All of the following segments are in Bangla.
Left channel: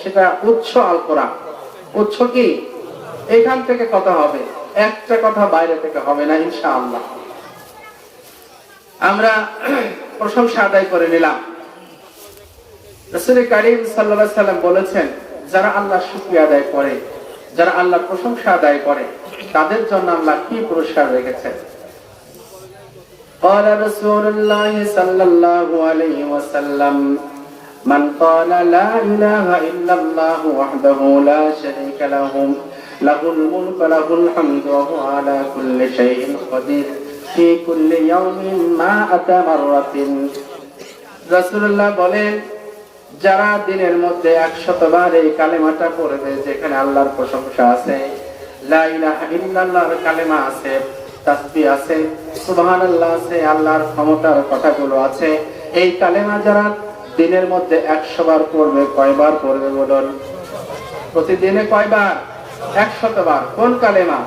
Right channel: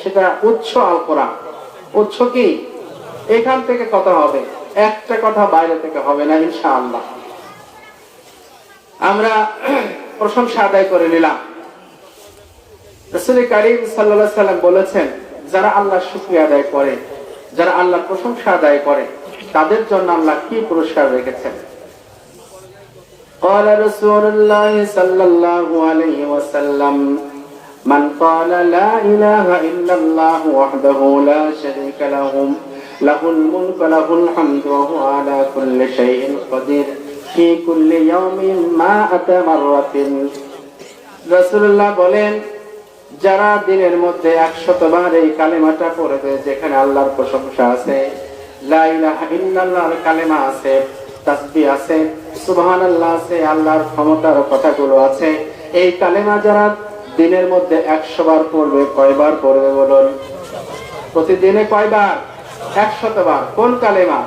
সেটা উৎস আল কোরআন। উৎস কি? এখান থেকে কথা হবে, একটা কথা বাইরে থেকে হবে না ইনশাআল্লাহ। আমরা প্রশংসা আদায় করে নিলাম। রাসূল কারীম সাল্লাল্লাহু আলাইহি ওয়াসাল্লাম বলেছেন, যারা আল্লাহর শুকরিয়া আদায় করে, যারা আল্লাহর প্রশংসা আদায় করে, তাদের জন্য আল্লাহ কি পুরস্কার রেখেছেন। قال رسول الله صلى الله عليه وسلم من قال لا إله إلا الله وحده لا شريك له له الملك له الحمد وهو على كل شيء قدير في كل يوم 100 مرة। রাসূলুল্লাহ বলেন, যারা দিনের মধ্যে 100 বার এই কালেমাটা পড়ে দেয়, যেখানে আল্লাহর প্রশংসা আছে, লা ইলাহা ইল্লাল্লাহর কালেমা আছে, তাসবিহ আছে, সুবহানাল্লাহ আছে, আল্লাহর ক্ষমতার কথাগুলো আছে, এই কালেমা যারা দিনের মধ্যে 100 বার পড়বে, কয়বার পড়বে বলুন? প্রতিদিনে কয়বার? 100 বার। কোন কালেমা?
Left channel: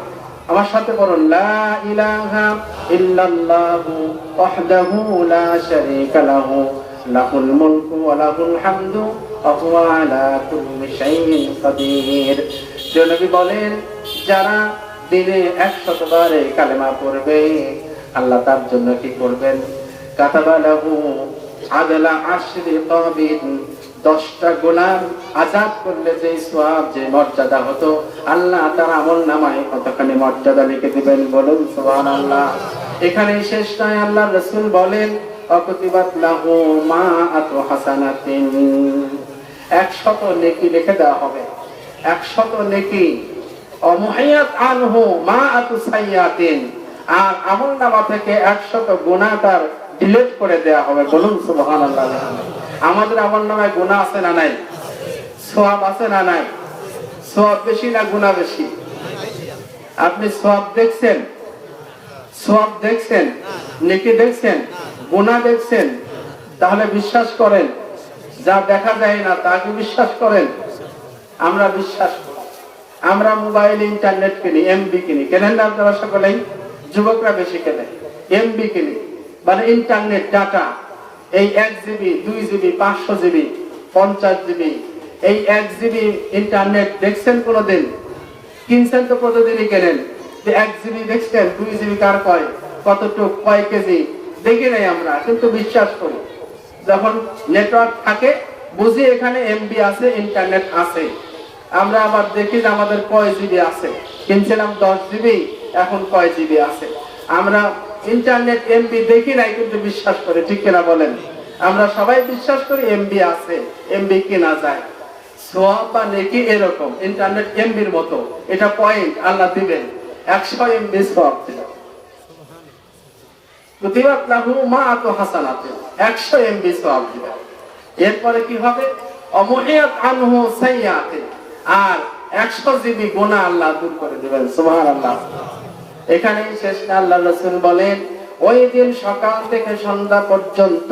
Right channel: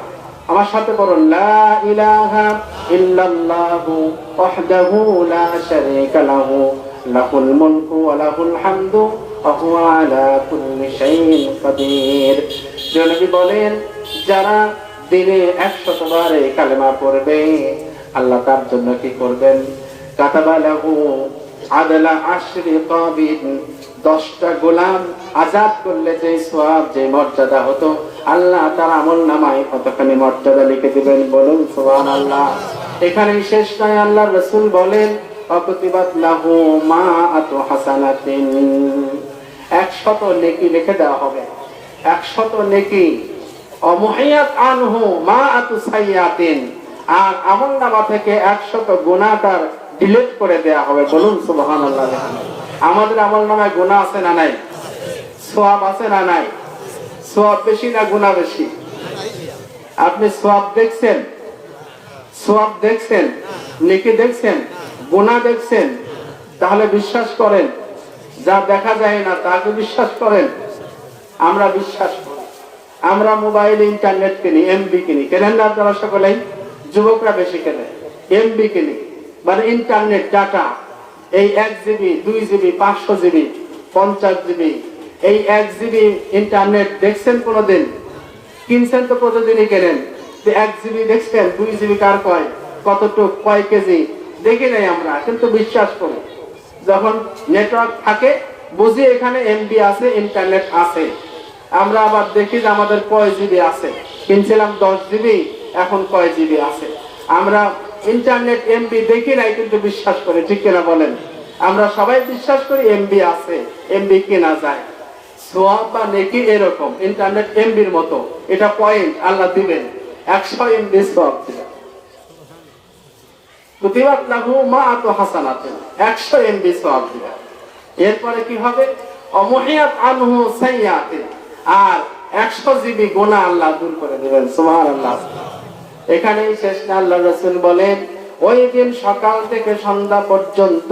আমার সাথে বলুন, লা ইলাহা ইল্লাল্লাহু ওয়াহদাহু লা শারীকা লাহু লাহুল মুলকু ওয়া লাহুল হামদু ওয়া হুয়া আলা কুল্লি শাইইন কাদির। নবী বলেন, যারা দিনে 100 বার এই কালেমা পড়বে, আল্লাহ তার জন্য কি করবেন? কাতাবা লাহু আদলা আশরি কাবিন, 10টা গোলাম আজাদ করলে যে সওয়াব, যে মর্যাদা হতো, আল্লাহ তার আমলনামায় কতখানি মর্যাদা লিখে দিবেন বলুন সুবহানাল্লাহ। এখানেই শেষ নয়, আল্লাহর রাসূল বলেন, অকুতিবাত লাহু মাআতু হাসানাতিন, 100 নেকি লিখে দেওয়া হবে, 100 নেকি। অমুহিয়াত আনহু মাআতু সাইয়াতিন, আর আমলনামা থেকে 100 গুনাহ তার ডিলিট করে দেয়া হবে বলুন সুবহানাল্লাহ। আমাদের আমলনামায় গুনাহ আছে না নাই? সওয়াব আছে না নাই? সওয়াব বেশি না গুনাহ বেশি? আপনি সওয়াব দেখছেন? সওয়াব দেখছেন? নেকি দেখছেন? গুনাহ দেখছেন? তাহলে বিশ্বাস করেন, যা দেখা যায় না তাকে বিশ্বাস করেন? আমরা বিশ্বাস করি। আমরা মোবাইল ইন্টারনেট কিনি, এমবি কিনি, কেনেন না আপনারা সকলেই? যুবকরা বেশি কেনে, এমবি কিনি, মানে ইন্টারনেট ডাটা। এই 1 জিবি, 2 জিবি, 500 জিবি, 50 জিবি, এই 1 জিবি ইন্টারনেট দেখছেন কোনোদিন? কিনছেন তো প্রতিদিনই কেনেন। 1 জিবি দেখছেন? 2 জিবি কার কয়, কতটুক, কয় কেজি দেখি নাই আমরা, কিন্তু বিশ্বাস করি। যখন নেটওয়ার্ক থাকে বুঝি এখানে এমবি আছে, ইন্টারনেট আছে। আমরা আবার দেখি যে আমাদের কয় জিবি আছে, কিনছিলাম 10 জিবি, এখন কয় জিবি আছে। আমরা ইন্টারনেট এমবি দেখি নাই, কিন্তু বিশ্বাস করি, ঠিক কিনা বলেন? আমরা সবাই বিশ্বাস করি এমবি আছে, এমবি কেনা যায়। সওয়াব বা নেকি এরকম, ইন্টারনেট এমবির মতো, এটা পয়েন্ট আল্লাহ দিবেন, 100 এমবি সওয়াব দিবেন। কুতিবাত লাহু মাআতু হাসানাতিন, 100 এমবি সওয়াব দিবেন। এরপরে কি হবে? অমুহিয়াত আনহু সাইয়াতিন, আর 100 জিবি গুনাহ আল্লাহ দূর করে দিবেন সুবহানাল্লাহ। এখানেই শেষ না, আল্লাহ রাসূল বলেন, ওই দিন সকাল থেকে সন্ধ্যা পর্যন্ত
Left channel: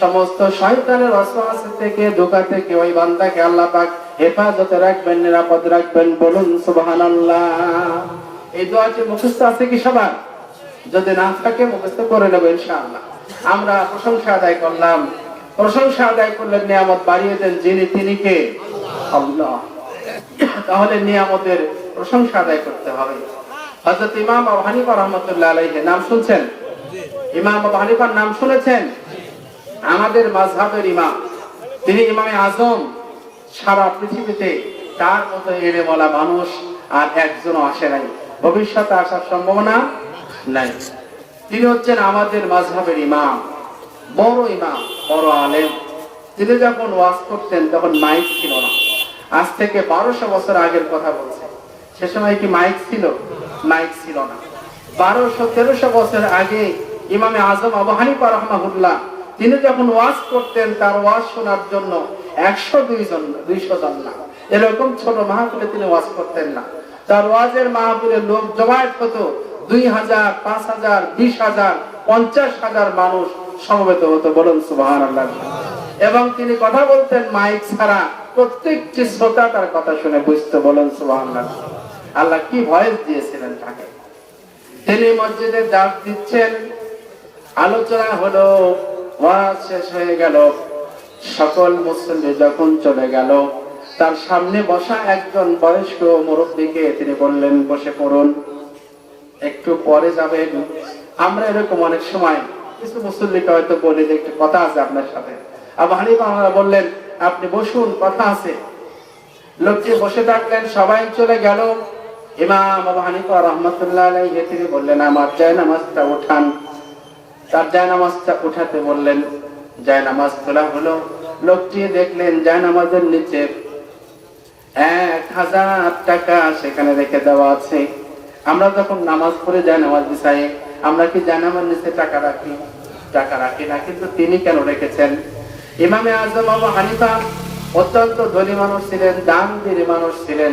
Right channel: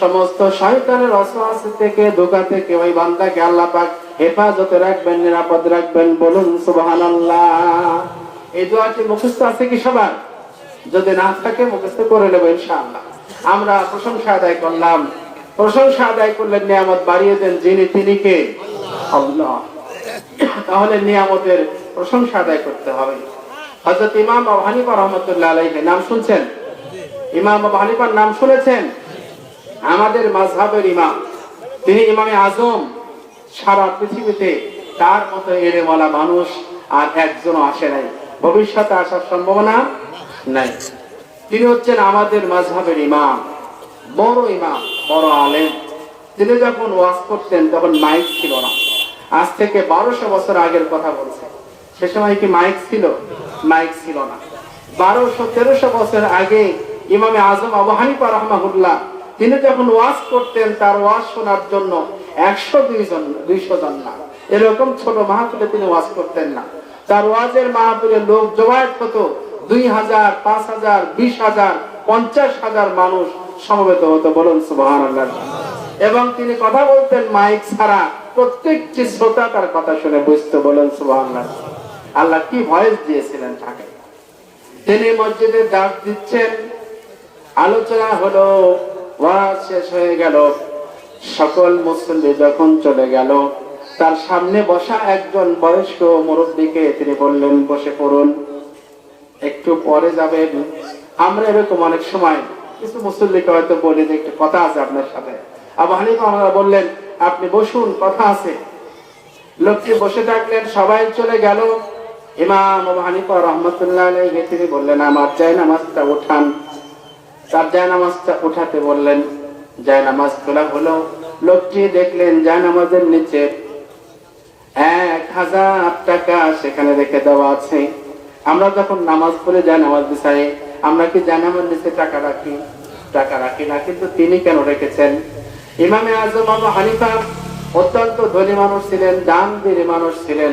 সমস্ত শয়তানের ওয়াসওয়াসা থেকে, ধোঁকা থেকে ওই বান্দাকে আল্লাহ পাক হেফাজতে রাখবেন, নিরাপদ রাখবেন বলুন সুবহানাল্লাহ। এই দোয়াটি মুখস্থ আছে কি সবার? যদি না থাকে মুখস্থ করে নেব ইনশাআল্লাহ। আমরা প্রশংসা আদায় করলাম। প্রশংসা আদায় করলে নিয়ামত বাড়িয়ে দেন যিনি, তিনি কে? আল্লাহ। তাহলে নিয়ামতের প্রশংসা আদায় করতে হবে। হযরত ইমাম আবু হানিফা রাহমাতুল্লাহ আলাইহি নাম শুনছেন? ইমাম আবু হানিফার নাম শুনেছেন? আমাদের মাযহাবের ইমাম, তিনি ইমামে আজম। সারা পৃথিবীতে তার মতো এলেমওয়ালা মানুষ আর একজনও আসে নাই, ভবিষ্যতে আসার সম্ভাবনা নাই। তিনি হচ্ছেন আমাদের মাযহাবের ইমাম, বড় ইমাম, বড় আলেম। তিনি যখন ওয়াজ করতেন তখন মাইক ছিল না। আজ থেকে 1200 বছর আগের কথা বলছে। সে সময় কি মাইক ছিল? মাইক ছিল না। 1200-1300 বছর আগে ইমামে আজম আবু হানিফা রাহমাহুল্লাহ, তিনি যখন ওয়াজ করতেন, তার ওয়াজ শোনার জন্য 100-200 জন না, এরকম ছোট মাহফিলে তিনি ওয়াজ করতেন না। তার ওয়াজের মাহফিলে লোক জমায়েত হতো 2000, 5000, 20000, 50000 মানুষ সমবেত হতো বলুন সুবহানাল্লাহ। এবং তিনি কথা বলতেন মাইক ছাড়া, প্রত্যেকটি শ্রোতা তার কথা শুনে বুঝতো বলুন সুবহানাল্লাহ। আল্লাহ কি ভয়েস দিয়েছিলেন তাকে। তিনি মসজিদে ডাক দিচ্ছেন, আলোচনা হলো, ওয়াজ শেষ হয়ে গেল, সকল মুসল্লি যখন চলে গেল, তার সামনে বসা একজন বয়স্ক মুরব্বীকে তিনি বললেন, বসে পড়ুন, একটু পরে যাবেন। আমরা এরকম অনেক সময় কিছু মুসল্লিকে হয়তো বলি যে একটু কথা আছে আপনার সাথে। আবু হানিফা আমরা বললেন, আপনি বসুন, কথা আছে। লোকটি বসে থাকলেন, সবাই চলে গেল। ইমাম আবু হানিফা রাহমাতুল্লাহ আলাইহি তিনি বললেন, আমার জায়নামাজটা উঠান। তার জায়নামাজটা উঠাতে বললেন, জায়নামাজ তোলা হলো। লোকটি দেখলেন জায়নামাজের নিচে 1000 টাকা সেখানে রেখে দেওয়া আছে। আমরা যখন নামাজ পড়ে জায়নামাজ বিছাই, আমরা কি জায়নামাজ নিচে টাকা রাখি? টাকা রাখি না, কিন্তু তিনি কেন রেখেছেন? ইমামে আজম আবু হানিফা অত্যন্ত ধনী মানুষ ছিলেন, দানবীর মানুষ ছিলেন,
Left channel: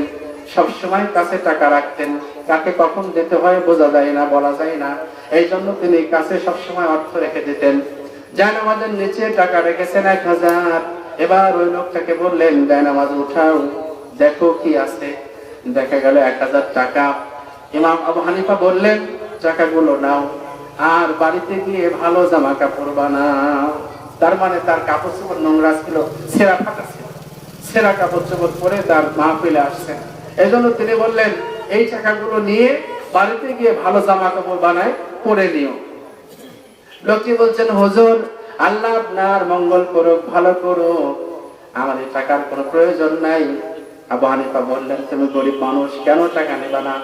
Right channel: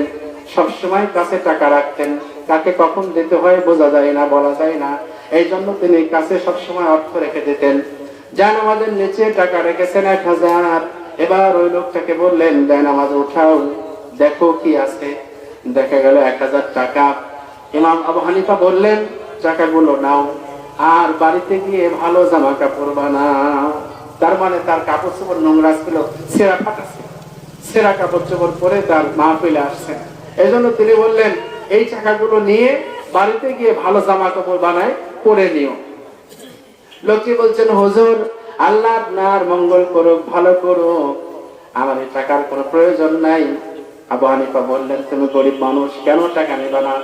সবসময় কাছে টাকা রাখতেন। কাকে কখন দিতে হয় বোঝা যায় না, বলা যায় না, এই জন্য তিনি কাছে সবসময় অর্থ রেখে দিতেন। জায়নামাজের নিচে টাকা রেখেছেন 1000। এবার ওই লোকটাকে বললেন, জায়নামাজ উঠাও, দেখো কি আছে। দেখা গেল 1000 টাকা। ইমাম আবু হানিফা বললেন, টাকাগুলো নাও, আর বাড়িতে গিয়ে ভালো জামা কাপড় বানাও। তার মানে তার কাপড় চোপড় নোংরা ছিল, ছেঁড়া ফাটা ছিল, ছেঁড়া কাপড় চোপড় পরে তার মাহফিলে আসছে। এই জন্য তিনি বললেন, এই টাকাগুলো নিয়ে বাড়িতে গিয়ে ভালো জামা কাপড় বানায় পরে নিও। লোকটি বলছেন, হুজুর, আল্লাহ আপনার মঙ্গল করুক, ভালো করুক, আমার এই টাকার কোনো প্রয়োজন নাই। আবু হানিফা বললেন, তুমি গরিব মানুষ, কেন টাকা নেবা না?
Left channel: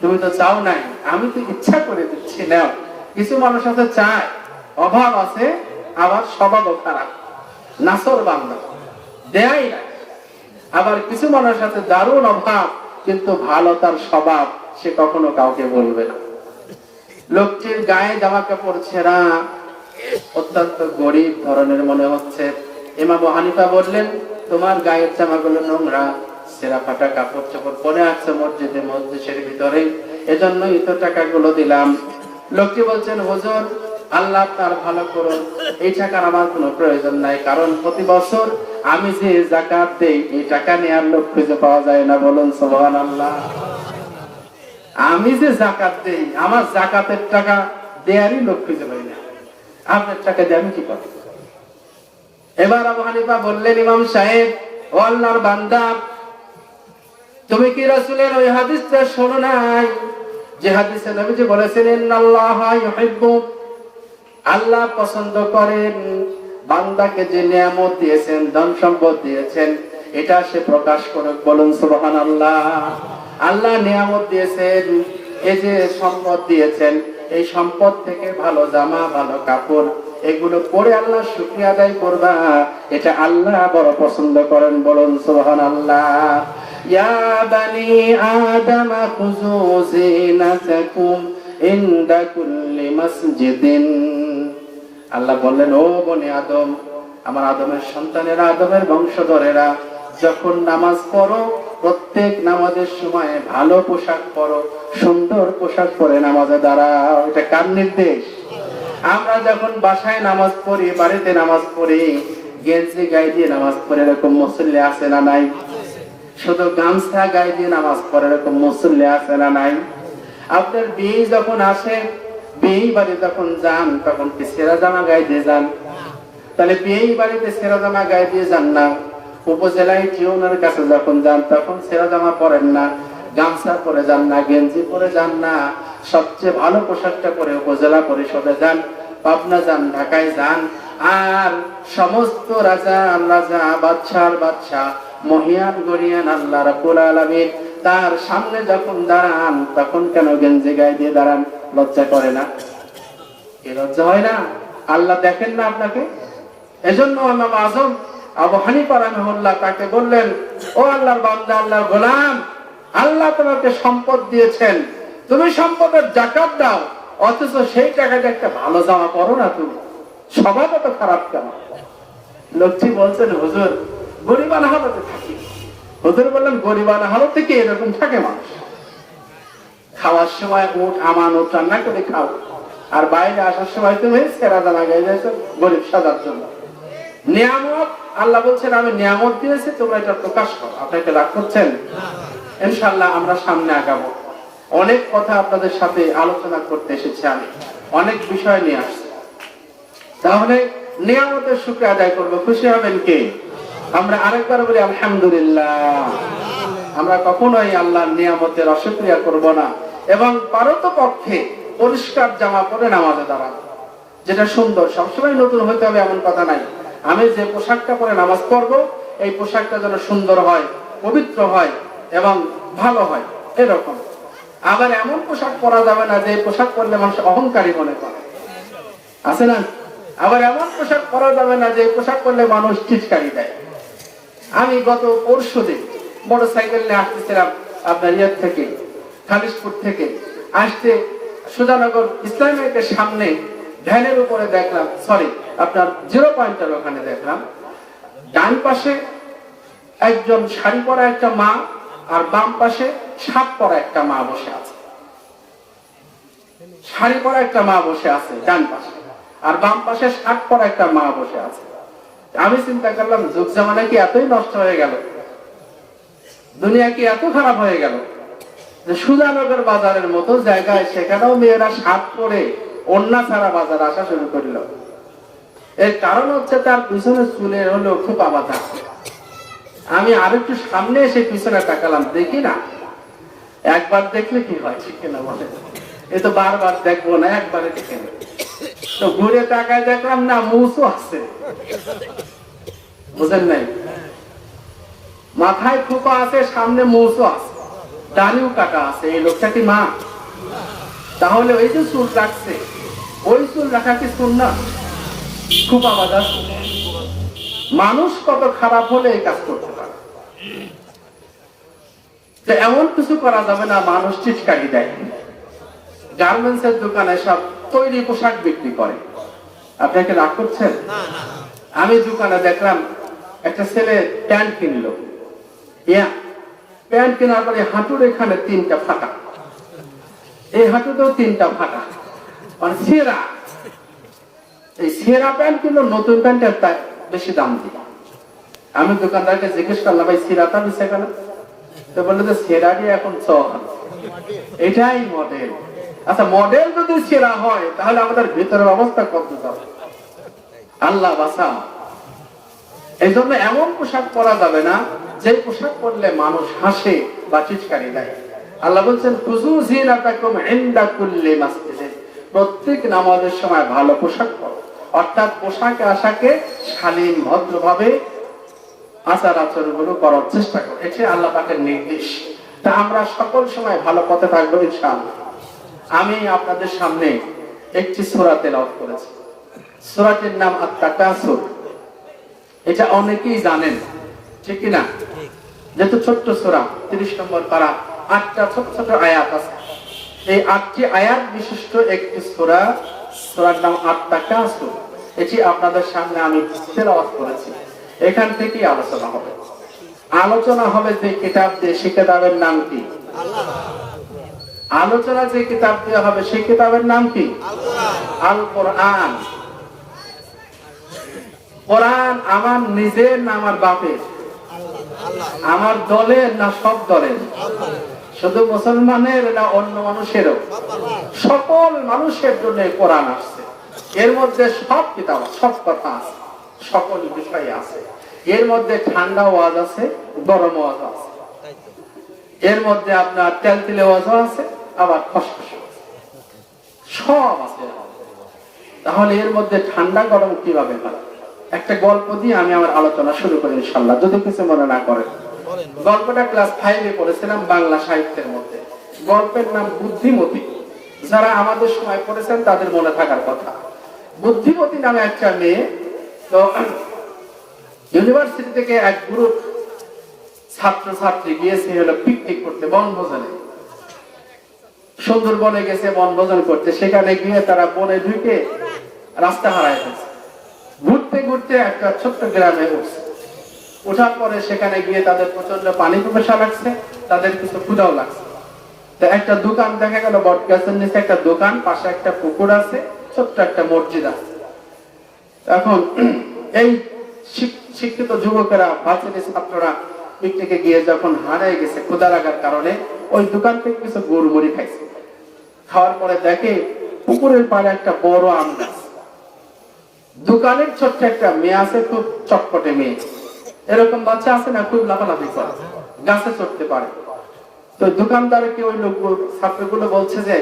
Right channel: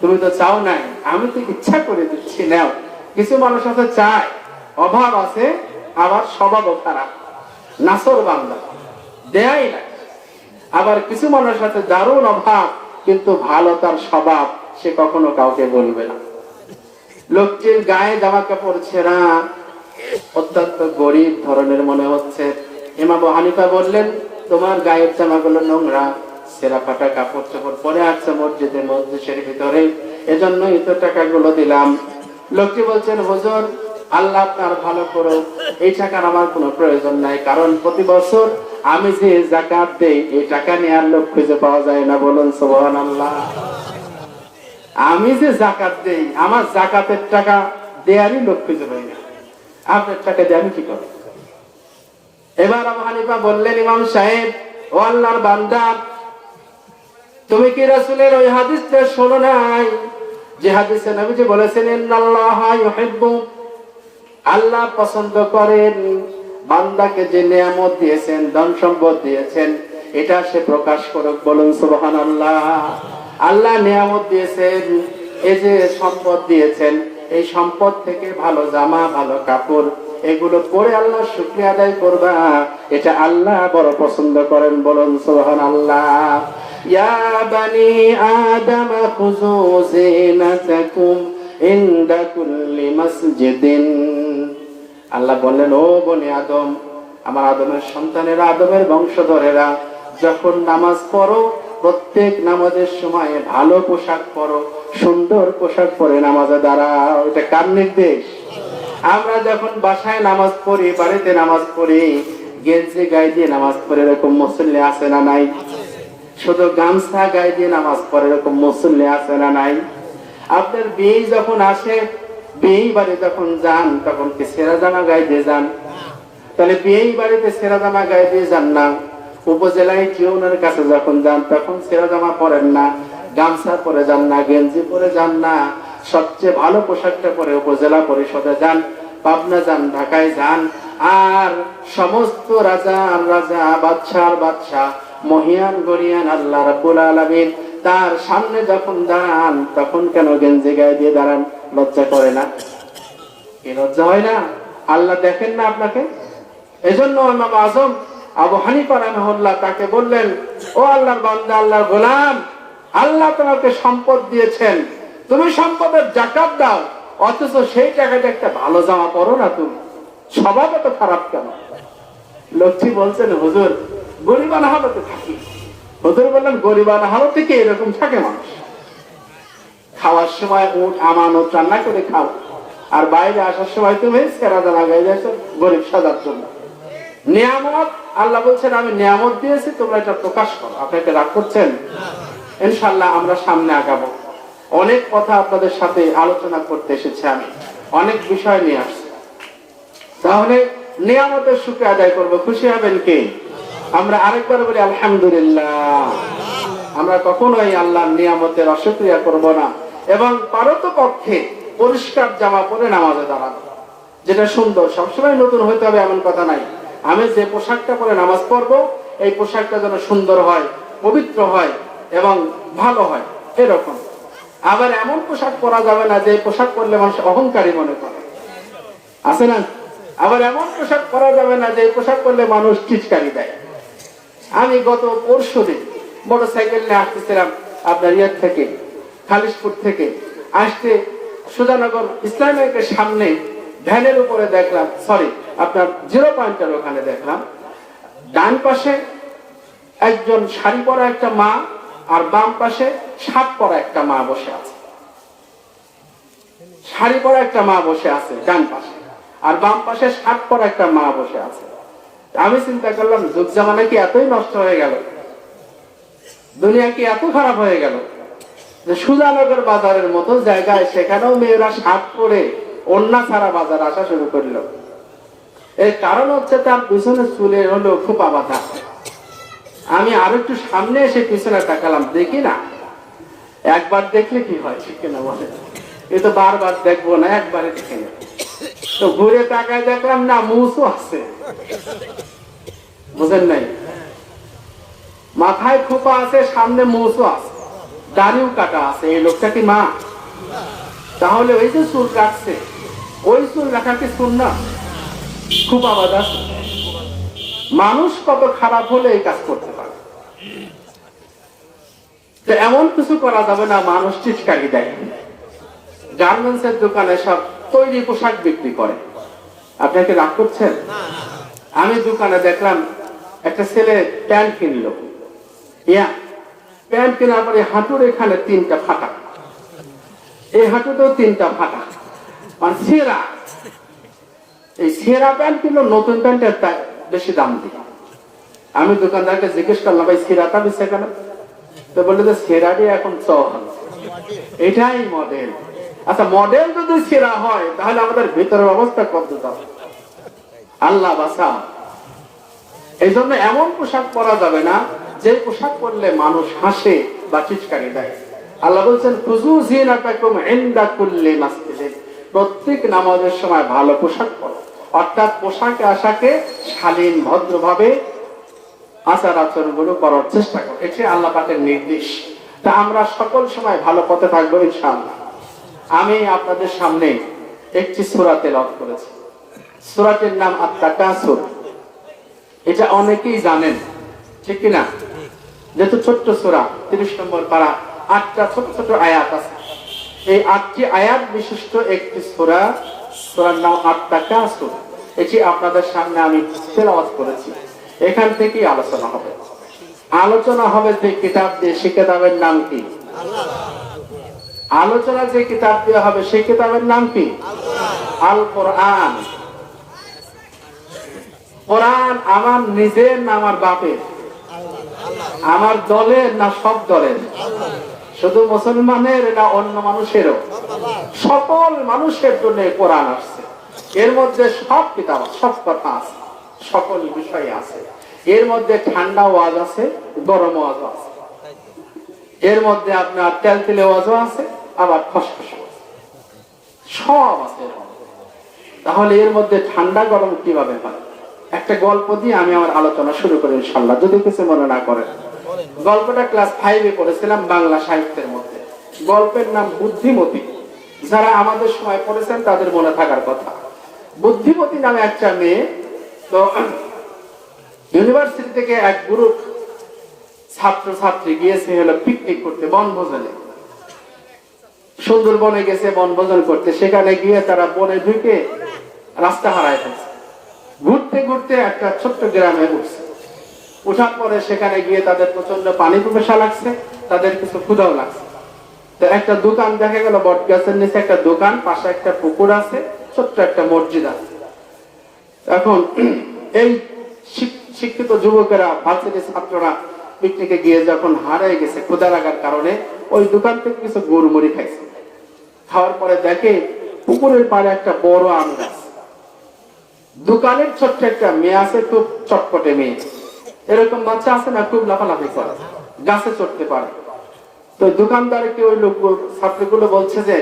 তুমি তো চাও নাই, আমি তো ইচ্ছা করে দিচ্ছি, নাও। কিছু মানুষ আছে চায়, অভাব আছে, আবার স্বভাবও খারাপ, নাসর বান্দা, দেয়াই না। আবার কিছু মানুষের সাথে দারুণ অভাব, কিন্তু ভালো তার স্বভাব, সে কখনো কাউকে বলবে না। লোকটির গায়ে জামা কাপড় ছেঁড়া, অত্যন্ত গরিব ধরনের মনে হচ্ছে। ইমাম আবু হানিফা বললেন, তোমার গায়ের জামাগুলো নোংরা, ছেঁড়া ফাটা কাপড় চোপড় পরে আছে মসজিদের ভিতরে, এজন্যই তো টাকাগুলো দিলাম। লোকটি বলছেন, হুজুর, আল্লাহ আপনার ভালো করুন, এই টাকার আমার কোনো প্রয়োজন নাই, কারণ প্রতি বছর আমি যে যাকাত দেই, এই টাকা নেওয়ার লোক খুঁজে পাওয়া যায় না। বলুন সুবহানাল্লাহ। আমি যে যাকাত দেই, আমার যাকাতের টাকা দেয়ারই লোক খুঁজে পাই না, আপনার টাকা দিয়ে আমি কি করব? এবার আবু হানিফা বললেন, ইমাম সাহেব, ও আল্লাহর বান্দা, তুমি কি রাসূলের ওই হাদিসটা শোনো নাই, যে হাদিসে নবীজি বলেছেন, ইন্নাল্লাহা ইউহিব্বু, আল্লাহ পছন্দ করেন বান্দাকে যে নিয়ামত দিয়েছেন, ধন সম্পদ দিয়েছেন, এটা সে প্রকাশ করুক। বলুন সুবহানাল্লাহ। আল্লাহ নিয়ামত দিয়েছেন, এই যে সম্পদ দিয়েছেন, এই সম্পদ থেকে ভালো জামা, ভালো কাপড়, এগুলো পরে আল্লাহ শুকরিয়া আদায় করবা, এটা আল্লাহ বড় পছন্দ করেন। বলুন সুবহানাল্লাহ। ইয়া বানি আদম খুযু যিনাতাকুম ইনদা কুল্লি মাসজিদিন। আল্লাহ বললেন, ও বনি আদম, আমার আদমের সন্তানেরা, আদমের বংশধরেরা, যখন নামাজ পড়ো, প্রত্যেক নামাজের সময় ভালো পোশাক পরো, সুন্দর পোশাক পরে নামাজে দাঁড়াও। এটা কার নির্দেশ? আমরা যখন বাসায় নামাজ পড়ি, বাড়িতে নামাজ পড়ি, গেঞ্জি গায়ে দিয়ে নামাজ পড়ে এরকম মুসল্লি আছে না নাই? শুধু গামছা গায়ে দিয়ে নামাজ পড়ে এরকম মুসল্লি আছে না নাই? আপনার বিয়ে যখন আসে, বিয়ে বাড়ি যখন যান, তখন কি ছেঁড়া জামা গায়ে দিয়ে যান? তাহলে বিয়ে বাড়িতে ছেঁড়া জামা গায়ে দিয়ে যান না। উপজেলায় টিউনের কাছে যখন যান, তখন ছেঁড়া জামা পরেন না, গামছা পরে যান না, গেঞ্জি পরে যান না, সবচেয়ে ভালো পোশাকটা পরে উপজেলা পরিষদে যান, পাবনা যান, ঢাকায় যান। আর সমস্ত রাজা বাদশার বাদশাহ, মহিয়ান গরিয়ান আল্লাহ রাব্বুল আলামিন তার সামনে যখন দাঁড়ান, তখন কেন গেঞ্জি গায়ে দিয়ে দাঁড়ান? লজ্জা করে না? কি লজ্জা হয় না? আল্লাহ দেখেন না আপনাকে? এজন্য ইমাম আযম আবু হানিফা রাহিমাহুল্লাহ তাকে বললেন, ও আল্লাহর বান্দা, আল্লাহর গোলাম, আল্লাহ তোমাকে সম্পদ দিয়েছেন, তুমি সম্পদের যাকাত দাও, অথচ সেই টাকাটা একটা ভালো জামা পরো না, তুমি স্বভাব তো খারাপ কেন? লোকটি বলছেন, হুজুর, গরিবানা হালতে থাকি। হুজুর বললেন, গরিবানা হালতে কি এরকম থাকে মানুষ? খাওয়ার সময় উট আমানত রান্না করে খাও, আর বাইরে আসার সময় তুমি সেরাদা লাগাই দিয়েছো গরিব সাজার জন্য। নিয়ামত, আল্লাহ বলছেন, আমি নিয়ামত দিয়েছি, তোমরা এটা প্রকাশ করো। আপনাকে রাগ করছেন? ইনশাআল্লাহ আমরা সামনে আগাবো। অনেক কথা আপনাদের সাথে আলোচনা করতে এসেছি, আমি অনেক বিষয় নিয়ে আসছি। তাহলে নিয়ামতের শুকরিয়া আদায় করবো, খুশি হবেন কে? আমরা আরেকবার বলি আলহামদুলিল্লাহ। আমরা কখনোই আল্লাহর নিয়ামতের অশুকরিয়া করব না এবং পারতপক্ষে পরিষ্কার জামা পরে নামাজে দাঁড়াবো, যেটা সুন্দর। সবসময় নতুন হতে হবে এমন কথা নাই। আমি যে পোশাকটা পরে নামাজ পড়ব এই পোশাকটা যেন সুন্দর হয়, পবিত্র হয় এবং ভালো হয়, এরকম। আবার এমন পোশাক পরা যাবে না যে পোশাক পরলে মানুষ অহংকারী মনে করে, আছে না? আবার এমন পোশাক পরা যাবে না যে পোশাক পরলে মানুষ চিৎকারি দেয়। আমি গত পরশুদিন মোটর সাইকেল নিয়ে আসতেছিলাম আপনার ইয়ের থেকে, খালিশপুর থেকে আসতে সুজানগর ইসলামিকের সামনে ভ্যানের উপরে দেখলাম, সরি আপনার 0 পয়েন্টের ওখানে দেখলাম, ডান পাশে একজন শাড়ি পরা একটা মা আর বাম পাশে শার্ট পরা একটা মা বসে আছে। শাড়ি পরা একটা মা বসে আছে ডান পাশে, আর বাম পাশে শার্ট পরা একটা মা বসে আছে। আমি চিন্তা করলাম, যুগ জামানা কি এতই নষ্ট হয়ে গেল, দুনিয়া কি এত খারাপ হয়ে গেল যে সুজানগর বাজারের মতো জায়গায় সেখানেও মেয়েরা শার্ট পরে ওড়না ছাড়া বাজার আসা শুরু করলো। এর কারণ হচ্ছে তার পিছনে চুলে হলো খুব আবাদা। আমি আর একটু সামনে এসে পিছনে তাকালাম, দেখি না, একবার দেখলে কি হয় ঠিক কিনা বলে, এ তো বারবার দেখবো না, একবারে দেখে তো ঘুরে তাকায় দেখলাম না, মুছও আছে, বুঝেন নাই? মাথায় খোপা আছে, সামনে মুছও আছে, দাড়িও কাটা আছে। এই লোকটা কি মা? তাহলে ওই যে চুল রাখছে, ওই চুল রাখা কি সুন্নাহ? খুব আওয়াজ আছে। মানুষ কত খারাপ হলে এই কাজ করতে পারে। এমন কিছু করা যাবে না মানুষ চিৎকারি দেয়। গার্মেন্টস এর দোকানে সব তৈরি পোশাক বিক্রি করে, আপনাকে রাগ করছেন? আমি দোকানে দেখলাম একটা ছেলে প্যান্ট কিনলো, প্যান্ট কেনার পরে হাঁটুর এখানে 3টা ফাটা, এই হাঁটুতেও 3টা ফাটা, আর ছেঁড়া। এই ছেঁড়া প্যান্ট কিনলো, নতুন প্যান্টের বেশি দাম দিয়ে। আমি দোকানদারকে জিজ্ঞেস করলাম, ভাই ছেঁড়াটা বেশি কেন? তো বললো যে ছেঁড়াটি এখন চল, এটাই মডেল। আচ্ছা, মডেল যদি ছেঁড়া হয় তাহলে আমাদের ভিতরের অবস্থা কত হবে? আল্লাহ বাঁচা। এই জন্য এমন পোশাক পরা যাবে না যে পোশাক পরলে মানুষ হাসে বা চিৎকারি দেয়। আল্লাহ বলছেন, খুযু যিনাতাকুম ইনদা কুল্লি মাসজিদে, প্রত্যেক নামাজের সময় ভালো পোশাক পরো। অর্থাৎ পোশাকে আশাকে শালীন ভদ্রভাবে আচার আচরণগুলো করার চেষ্টা করো, এটি আল্লাহ পাকের নির্দেশ। তা আমরা সকল সময় ভালো পথে থাকবো ইনশাআল্লাহ। আমি আপনাদের সামনে একটি সূরা তেলাওয়াত করেছি। সূরাটির নাম আত-তাকাসুর। এটা অনেকেই জানেন, ঠিক কিনা? যেহেতু ছোট্ট সূরা, 30 নম্বর পারা, 8টা ছোট ছোট আয়াত আছে। এই 8টি আয়াত বিশিষ্ট একটি সূরা, সূরার নাম আত-তাকাসুর। এটি আপনাদের সামনে আমি তেলাওয়াত করেছি। এখান থেকেই আলোচনা হবে। আলোচনা হবে যে কিতাব দিয়ে, সে কিতাবের নাম কি? আলোচনা যে কিতাব দিয়ে হবে সেই কিতাবের নাম কি? আল কোরআন। কোরআন আমার নিজের না আমার বাপের? আমার দলের না সব দলের? শুধু মুসলমানের না অন্য মানুষেরও? সকল মানুষের জন্য কোরআন আসছে। এর মধ্যে সব কিতাব, সব কথা আছে, সকল বিষয় আছে। এর মধ্যে ঠান্ডা ওয়াজ আছে, গরম ওয়াজ আছে, এর মধ্যে আপনার তেলতেলে ওয়াজও আছে, আবার খসখসে আছে, সব আছে। তাহলে এর মধ্যে ঠান্ডা গরম কিভাবে হয়? একটা গল্প দিয়ে আমি আমার আলোচনা শুরু করি ইনশাআল্লাহ, যদি কিছু মনে না করেন। গল্পটা ক্লাস 5-এ পড়েছিলাম বাংলা সাহিত্যের মধ্যে। গল্পের নাম বুদ্ধিমতী। যারা আমাদের সময় পড়েছেন তাদের মনে থাকার কথা। বুদ্ধিমতী নামে একটা মেয়ে, তো ইউনিভার্সিটি থেকে এক গ্রুপ ছাত্র ছাত্রী গিয়েছে হলো পিকনিক করতে, বনভোজনে। সুন্দরবনে গেছে বনভোজন করতে। সেখানে গিয়ে তারা বনে ঢুকে রাস্তা হারায় গেছে। ঘুরতে ঘুরতে একটা ছোট্ট গ্রামে উঠছে। ওঠার পরে সেখানে গিয়ে তাদের প্রচন্ড পানি পিপাসা লাগছে, তাদের কিছু ক্ষুধাও লাগছে। তো একটা দোকান দেখা গেল, বট গাছের নিচে একটা দোকান, পাশে একটা পুকুর আছে, ছোট্ট একটা মসজিদ আছে। এখন এই শিক্ষিত যুবকেরা, ভার্সিটি ছাত্ররা পিকনিকে গিয়ে যখন হারিয়ে গেছে ক্ষুধা লাগার কারণে, ওই দোকান থেকে কিছু গরু মুড়ি খাইছে। খাওয়ার পরে দেখে পুকুরের পাড়ে একটা বড় আম গাছ। দোকানের ছোট্ট একটা মেয়ে আছে, খুব চটপটে মেয়ে। এরকম বাচ্চা আছে না, খুব লাফালাফি করে, গাছে চড়তে পারে। তো দোকানদারকে ওই লোক ছাত্রগুলো বলছে যে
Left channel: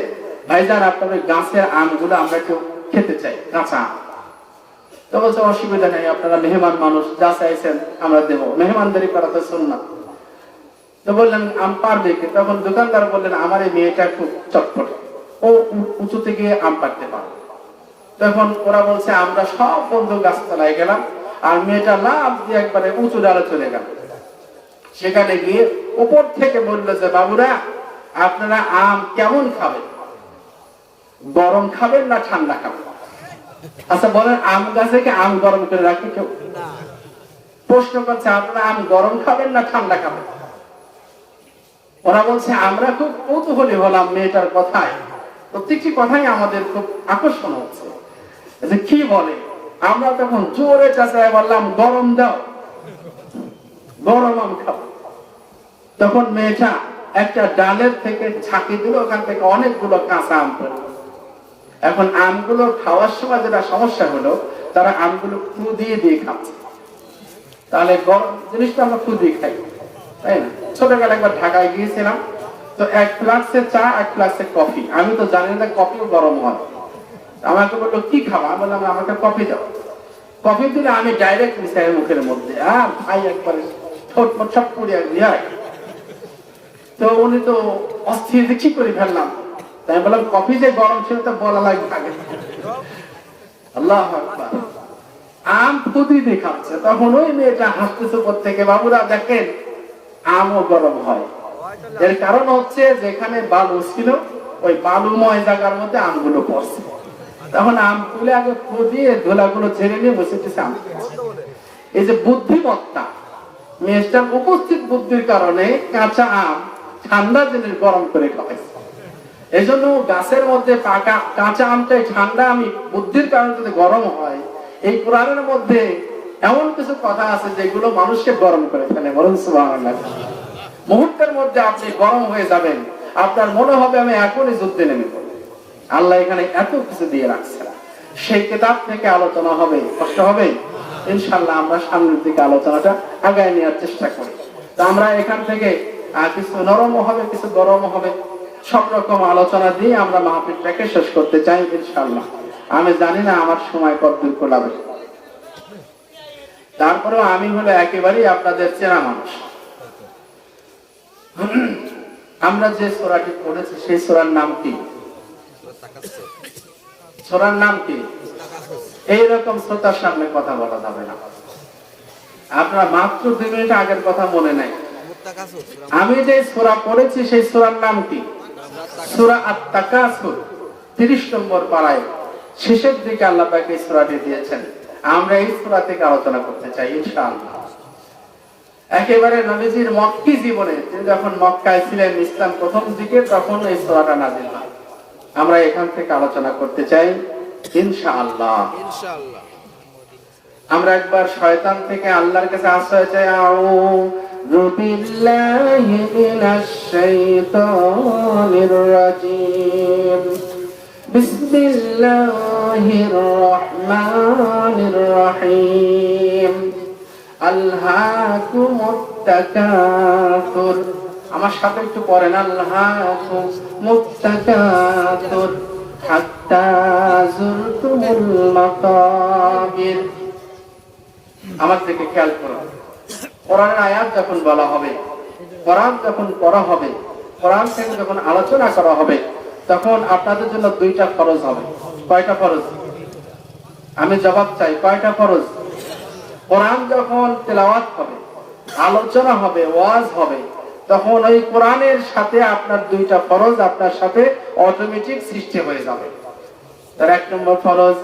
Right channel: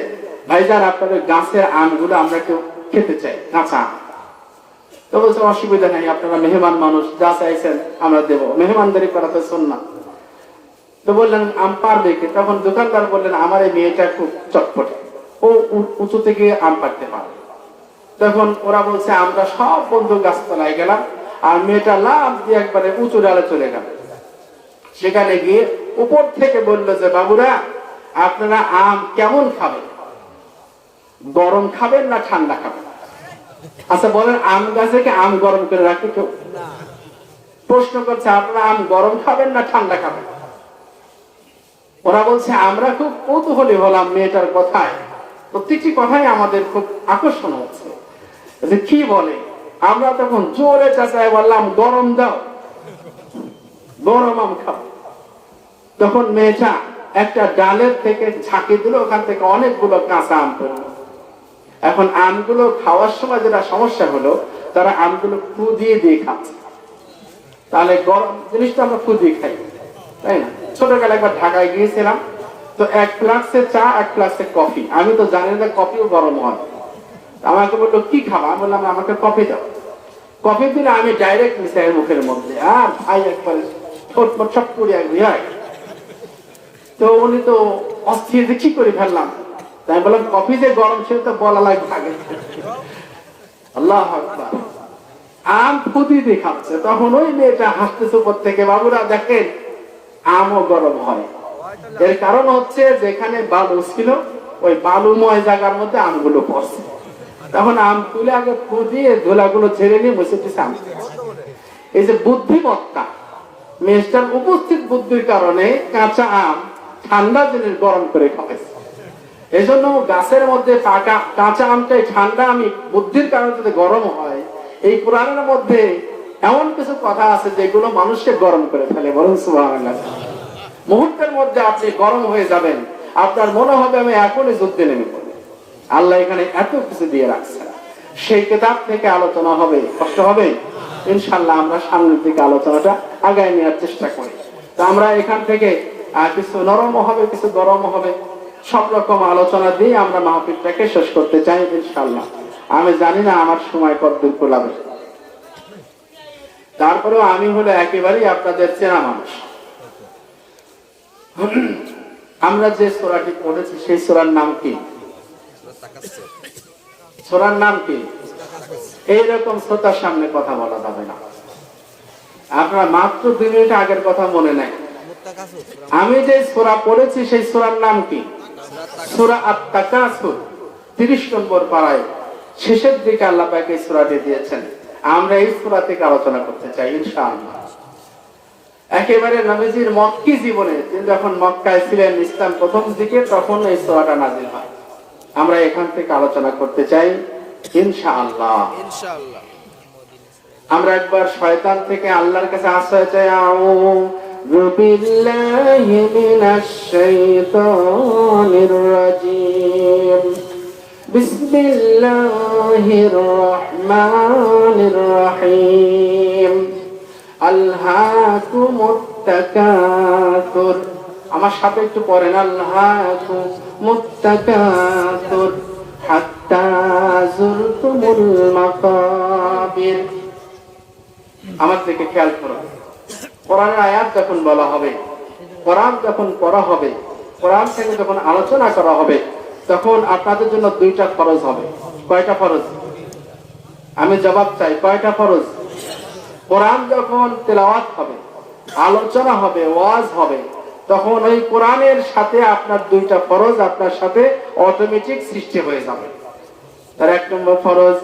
ভাইজান আপনার ওই গাছের আমগুলো আমরা একটু খেতে চাই, কাঁচা আম। তো বলছে অসুবিধা নেই, আপনারা মেহমান মানুষ, যা চাইছেন আমরা দেবো, মেহমানদারি করা তো সুন্নাত। তো বললেন আম পারবে কি? তখন দোকানদার বললেন আমার এই মেয়েটা খুব চটপটে, ও উঁচুতে গিয়ে আম পাড়তে পারবে। তখন ওরা বলছে আমরা সব বন্ধু গাছতলায় গেলাম, আর মেয়েটা লাফ দিয়ে একবারে উঁচু ডালে চলে গেল। সেখানে গিয়ে উপর থেকে বললো যে বাবুরা আপনারা আম কেমন খাবেন, গরম খাবেন না ঠান্ডা খাবেন? আচ্ছা বলেন, আম গাছে কি আম গরম করে রাখি কেউ? প্রশ্ন করছে আপনারা আম গরম খাবেন না ঠান্ডা খাবেন? ওরা বলছে আমরা খুব কৌতূহলী হলাম মেয়েটার কথায়, প্রত্যেকটি কথাই আমাদের খুব আকর্ষণ হচ্ছে যে কি বলে। আমরা তখন জোরে চেঁচায় বললাম গরম দাও, গরম আম খাও। তখন মেয়েটা একটা ডালের থেকে ঝাঁকি দিল, ওখান থেকে অনেকগুলো কাঁচা আম পেল। এখন আমগুলো খাওয়ার সময় যেটা সমস্যা হলো, তারা আমগুলো ফু দিয়ে দিয়ে খাচ্ছে। তাহলে গরম জিনিসটা আমরা ফু দিয়ে খাই, তাই না? ছোটবেলায় একবার ঢাকায় গিয়েছিলাম, তো এক ফ্লাক্সে চা, এক ফ্লাক্সে কফি। আমি তো জানি না কফিও গরম হয়। আমাকে বললো কি খাবো, আমি বললাম আমাকে কফি দাও। কফি দিলে আমি ডাইরেক্ট মিশাই মুখের মধ্যে, খাই একবারে ছট করে একবার। তো উনি তো অস্থির, কি করে ফেললাম। তাই বললাম কফি যে গরম ছিল তো বলা লাগবে আগে। আল্লাহু আকবার। আম ফুদি দিয়ে খাচ্ছে। তখন ওই মেয়েটা হাসতেছে উপর থেকে, বাবুরা দেখেন আমও গরম হয়। এর কারণ হচ্ছে যেখানে বালু ছিল, ওই বালুময় জায়গার মধ্যে আমগুলো পড়ছে। তখন আম তুলে আগে ফু দিয়ে ধুলাগুলো ছেড়ে নিয়ে বসে দিচ্ছে আম। এই যে বুদ্ধিমত্তা, মেয়েটার উপস্থিত বুদ্ধির কারণে কাঁচা আম ঠান্ডা জিনিস গরম করে খাওয়াইছে। এই জন্য গাছের মধ্যে পাকা কাঁচা আমটাই ঠান্ডা, আমি বুদ্ধির কারণে যদি গরম হয়। এই কোরআনের মধ্যে এমন কিছু কথা আছে যেগুলো মানুষকে গরম করে ফেলে, বলুন সুবহানাল্লাহ। মুহূর্তের মধ্যে আপনি গরম হয়ে যাবেন, আপনার মনে হবে আমি এখনই যুদ্ধে নেমে পড়ব। আল্লাহ এখানে এত কিছু দিয়ে রাখছেন। সেই কিতাব থেকে আলোচনা হবে, কষ্ট হবে ইনশাআল্লাহ। আমরা সামনের দিকে আলোচনাটা আগায় নেওয়ার চেষ্টা করি। তো আমরা এখান থেকে কিছু নরম হবে, কিছু গরম হবে, সব রকম আলোচনা দিয়ে আমরা মাহফিলটাকে শেষ করতে চাই ইনশাআল্লাহ। আমি জানি না আমার সময় কতদূর কোলাবে, তারপরেও আমি হলো একেবারেই আপনাদের চেনা মানুষ। আমরা যে সূরাটি পড়েছি সেই সূরার নাম কি? সূরার নাম কি? এইরকম শ্রোতার সামনে কথা বলা যাবে না। আপনার মাত্র 2 মিনিট আগের কথা মনে নাই। আমি যে সূরা পড়েছি সেই সূরার নাম কি? সূরা আত-তাকাসুর 30 নম্বর পারায় শেষের দিকে আল্লাহ পাক এই সূরাটি দিয়েছেন। আমরা এই সূরা থেকে আলোচনা করতে চাই ইনশাআল্লাহ। একেবারে নবীজির মক্কি জীবনে, তিনি যখন মক্কায় ছিলেন ইসলাম প্রথম দিকে, তখন এই সূরাটা নাযিল হয়। আমরা এখান থেকে আলোচনা করতে চাই ইনশাআল্লাহ। আমরা একবার শয়তান থেকে আল্লাহর কাছে আশ্রয় চাই। আউযু বিল্লাহি মিনাশ শাইতানির রাজীম। বিসমিল্লাহির রহমানির রহিম। আলহাকুমুত তাকাসুর। আমার সাথে একটু পড়েন, আলহাকুমুত তাকাসুর হাত্তা যুরতুমুল মাকাবির। আমার দিকে খেয়াল করুন। কোরআনের আয়াত যখন বলা হবে, কোরআন যখন পড়া হবে, কোরআন থেকে যখন আলোচনা করা হবে, তখন আপনাদের জন্য 2টা ফরজ হবে। কয়টা ফরজ? আমি জবাব চাই, কয়টা ফরজ? কোরআন যখন তেলাওয়াত হবে, আলোচনা হবে, ওয়াজ হবে, তখন ওই কোরআনের সাথে আপনার 2টা ফরজ আপনার সাথে অটোমেটিক সৃষ্টি হয়ে যাবে। তার 1 নম্বর ফরজ,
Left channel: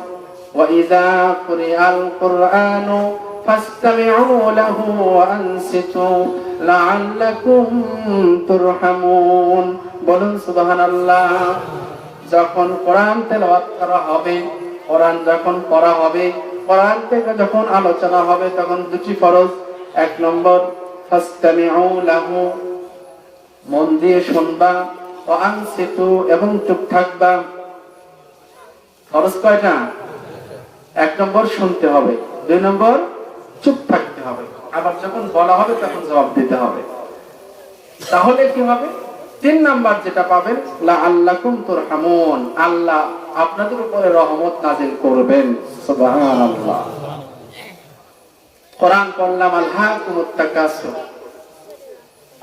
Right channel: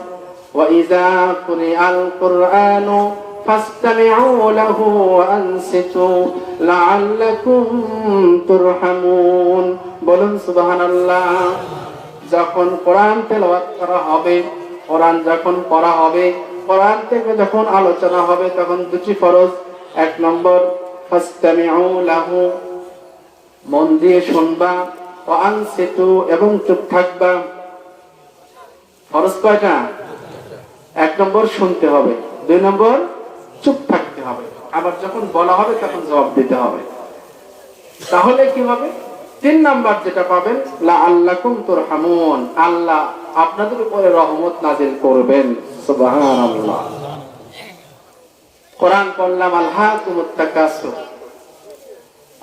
ওয়া ইযা কুরিআল কুরআনু ফাসতামিউ লাহু ওয়া আনসিতু লাআল্লাকুম তুরহামুন। বলুন সুবহানাল্লাহ। যখন কোরআন তেলাওয়াত করা হবে, কোরআন যখন পড়া হবে, কোরআন থেকে যখন আলোচনা হবে, তখন 2টি ফরজ। 1 নম্বর ফাসতামিউ লাহু, মন দিয়ে শুনবা, ওয়া আনসিতু, এবং চুপ থাকবা। ফরজ কয়টা? 1 নম্বর শুনতে হবে, 2 নম্বর চুপ থাকতে হবে। আবার যখন বলা হবে তখন জবাব দিতে হবে। তাহলে কি হবে? 3 নাম্বার যেটা পাবেন, লাআল্লাকুম তুরহামুন, আল্লাহ আপনাদের উপরে রহমত নাযিল করবেন। সুবহানাল্লাহ। কোরআন পড়লাম, আলহাকুমুত তাকাসুর,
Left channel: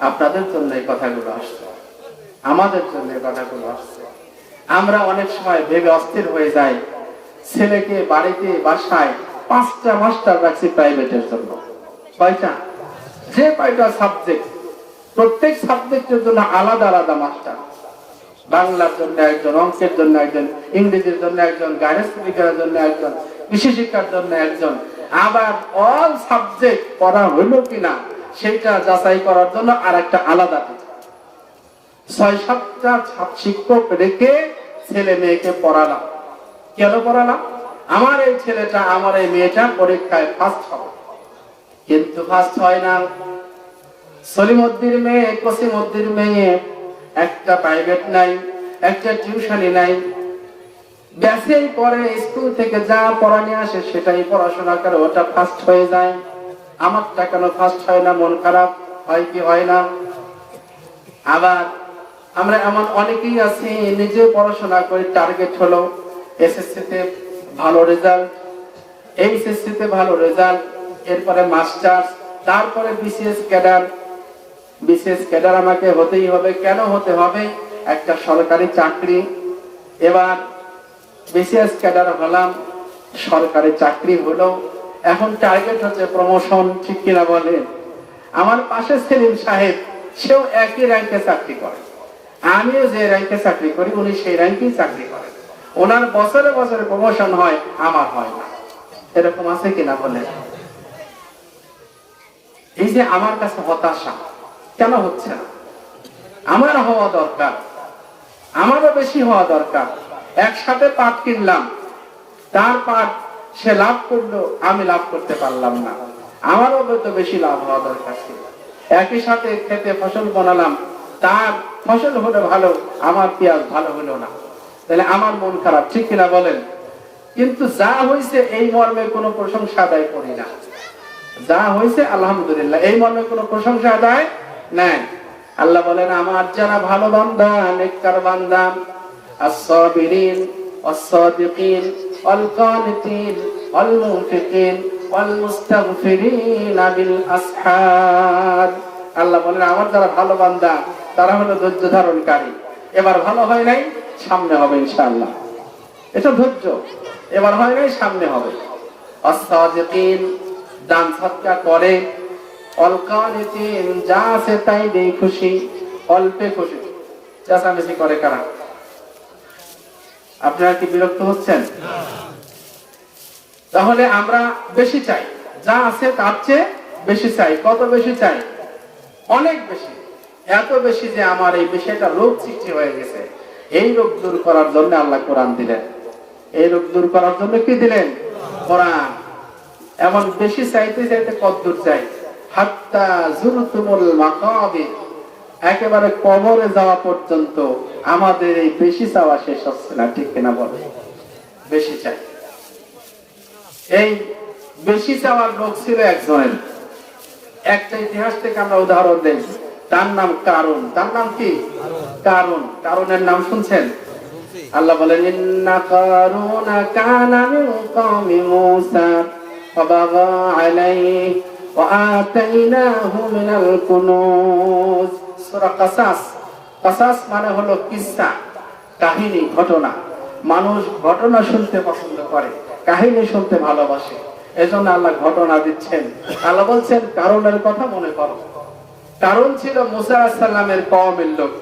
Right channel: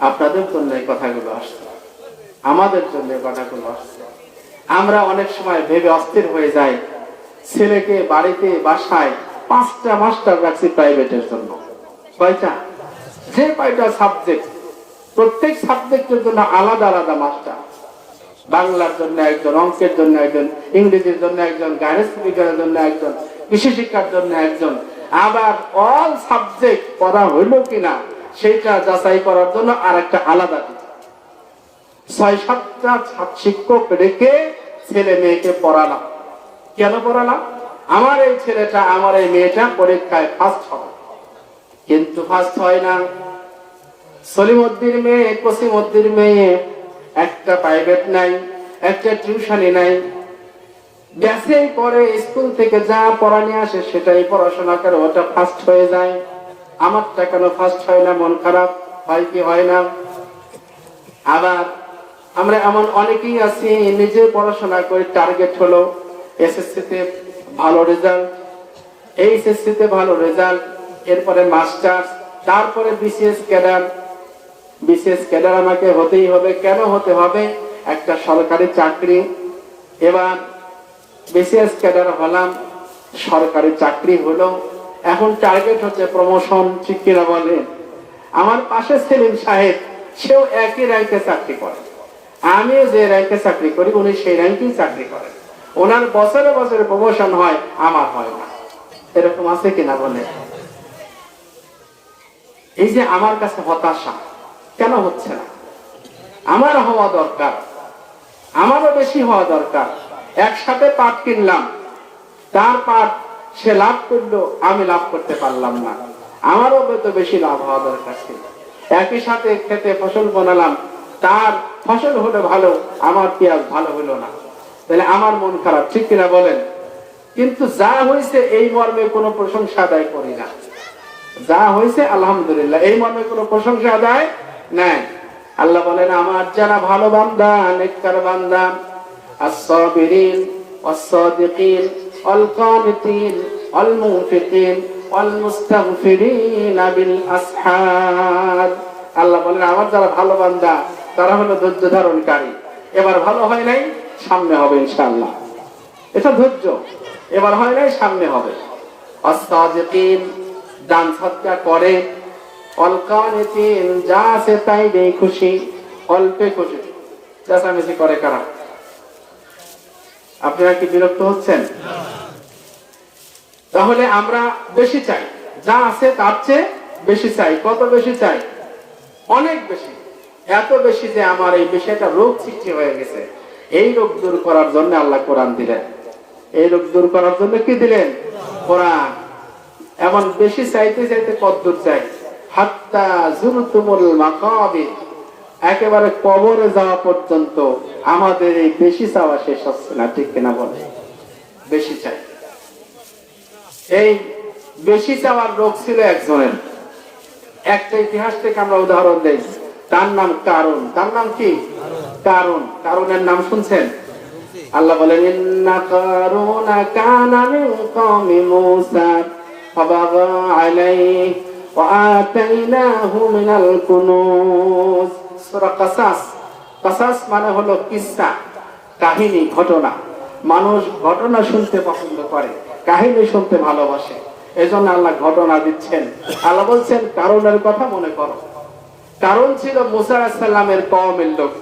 আপনাদের জন্য এই কথাগুলো আসছে, আমাদের জন্য এই কথাগুলো আসছে। আমরা অনেক সময় ভেবে অস্থির হয়ে যাই, ছেলেকে বাড়িতে বাসায় 5টা মাস্টার রাখছি প্রাইভেটের জন্য। কয়টা? যে কয়টা সাবজেক্ট, প্রত্যেক সাবজেক্টের জন্য আলাদা আলাদা মাস্টার। বাংলার জন্য একজন, অঙ্কের জন্য একজন, ইংরেজির জন্য একজন, গাইডেন্স বিজ্ঞানের জন্য একজন, কৃষি শিক্ষার জন্য একজন। আবার অল সাবজেক্ট পড়া হইলো কিনা সেটা যাচাই করার জন্য আরেকটা আলাদা টিচার। 6-7টা শিক্ষক রেখে ছেলে মেয়েকে পড়ালাম। কেন পড়ালাম? আমার এই ছেলেটা, আমার এই মেয়েটা পরীক্ষায় ফার্স্ট হবে। কিন্তু ফার্স্ট হয় না। সলিমউদ্দিনের মেয়ে, কসিমউদ্দিনের মেয়ে, একটা প্রাইভেট নাই, একটা টিউশনি নাই, ব্যাসে পরে স্কুল থেকে যা পড়া নিয়ে আসে সেটাই পড়াশোনা করে, ওটা ফার্স্ট হয়ে যায়। আমারটা কেন ফার্স্ট হয় না? মন খারাপ হয় কি হয় না? আবার আমরা এমন অনেকেই আছি, নিজে পড়াশোনা করে টার্গেট হলো এসএসসি তে ভালো রেজাল্ট, এইচএসসি তে ভালো রেজাল্ট, এরপরে মাস্টার্স, তারপরে বিসিএস ক্যাডার। বিসিএস ক্যাডার আমাকে হতেই হবে। কেন হতে হবে? একটা সরকারি চাকরি। এবার বিসিএস ক্যাডার হলাম, সরকারি চাকরি হলো, এখন টার্গেট হচ্ছে প্রমোশন। ঠিক কিনা বলেন? আমার পাশে সেলিম সাহেব, সেও একই র্যাঙ্কে চাকরি করে, আমিও যে র্যাঙ্কে চাকরি করি উনি সেই র্যাঙ্কেই চাকরি করেন। ওনার বছরে বছরে প্রমোশন হয়, আমার হয় না। এরকম আছে কিনা বলে? এই যে আমার কাছে হতাশা, কেন হচ্ছে না? আমার হওয়া দরকার, আমারও বেশি হওয়া দরকার। একসাথে পাট কিনলাম, তার পাট সে লাভ করলো, আমি লাভ করতে পারলাম না, আমারও তো বেশি লাভ হওয়া দরকার ছিল। একই সাথে খেতে ফসল বানালাম, তার ফসল হলো ভালো, আমার পেঁয়াজ ভালো হলো না, তাহলে আমার মন খারাপ। ঠিক কিনা বলেন? কিন্তু যা হয়েছে এই মর্মে কোনো প্রশংসা আদায় করি না। যা হয়েছে আলহামদুলিল্লাহ, এই মর্মে কোনো প্রশংসা আদায় নাই। আল্লাহ বলেন, আমার যারা ভালো বান্দা, নেককার বান্দা, আস-সাবিরিন ওয়াস-সাদিকিন ওয়াল-কানিতিন ওয়াল-মুনফিকিন ওয়াল-মুস্তাগফিরিন বিল আসহার। আল্লাহ বলেন, আমার যারা ভালো বান্দা তারা হলো ধৈর্য ধারণকারী। এবার ভালো হয় নাই, সামনে হবে ইনশাআল্লাহ। এটা ধৈর্য। এবার হয় নাই, সামনে হবে। আস-সাদিকিন, দান সদকা করে, অল-কানিতিন, যা আছে তাই দিয়ে খুশি, অল্পে খুশি। চেঁচামেচি করে কারা? আপনারা কি বিরক্ত হচ্ছেন? তাহলে আমরা বেশি চাই, যা আছে তার চেয়ে বেশি চাই। কত বেশি চাই? অনেক বেশি। এত বেশি যে আমার এই বিষয়টা রোগ সৃষ্টি হয়ে গেছে। এই রোগ দূর করার জন্য আল্লাহ কোরআন দিলেন। এই রোগ দূর করার জন্য কি দিলেন? কোরআন। এমন বেশি চাইতে চাইতে কদ্দূর চাই? হাত্তা যুরতুমুল মাকাবির, একেবারে কবরে যাওয়া পর্যন্ত আমাদের এই বেশি চাওয়া শেষ হচ্ছে না। ঠিক কিনা বলে? বেশি চাই। এই বেশি চাওয়ার রোগ ছিল একজনের। একটা ইতিহাস থেকে আমরা উদাহরণ দেই। তার নাম কারুন। তার নাম কি? কারুন। কারুনের নাম শুনছেন? আল্লাহ বলেন, ইন্না কারুনা কানা মিন কওমি মূসা ফাবাগা আলাইহি ওয়া আতাইনাহু মিনাল কুনুজ। সূরা কাসাস। কাসাস মানে হলো কিসসা, কাহিনী, ঘটনা। মানুষ ঘটনা শুনতে পছন্দ করে, কাহিনী শুনতে ভালোবাসে। এজন্য আল্লাহ ঘটনা দিচ্ছেন। আল্লাহ বলছেন, কারুনের কথা মনে করো। কারুন ছিল মূসা আলাইহিস সালামের কওমের লোক।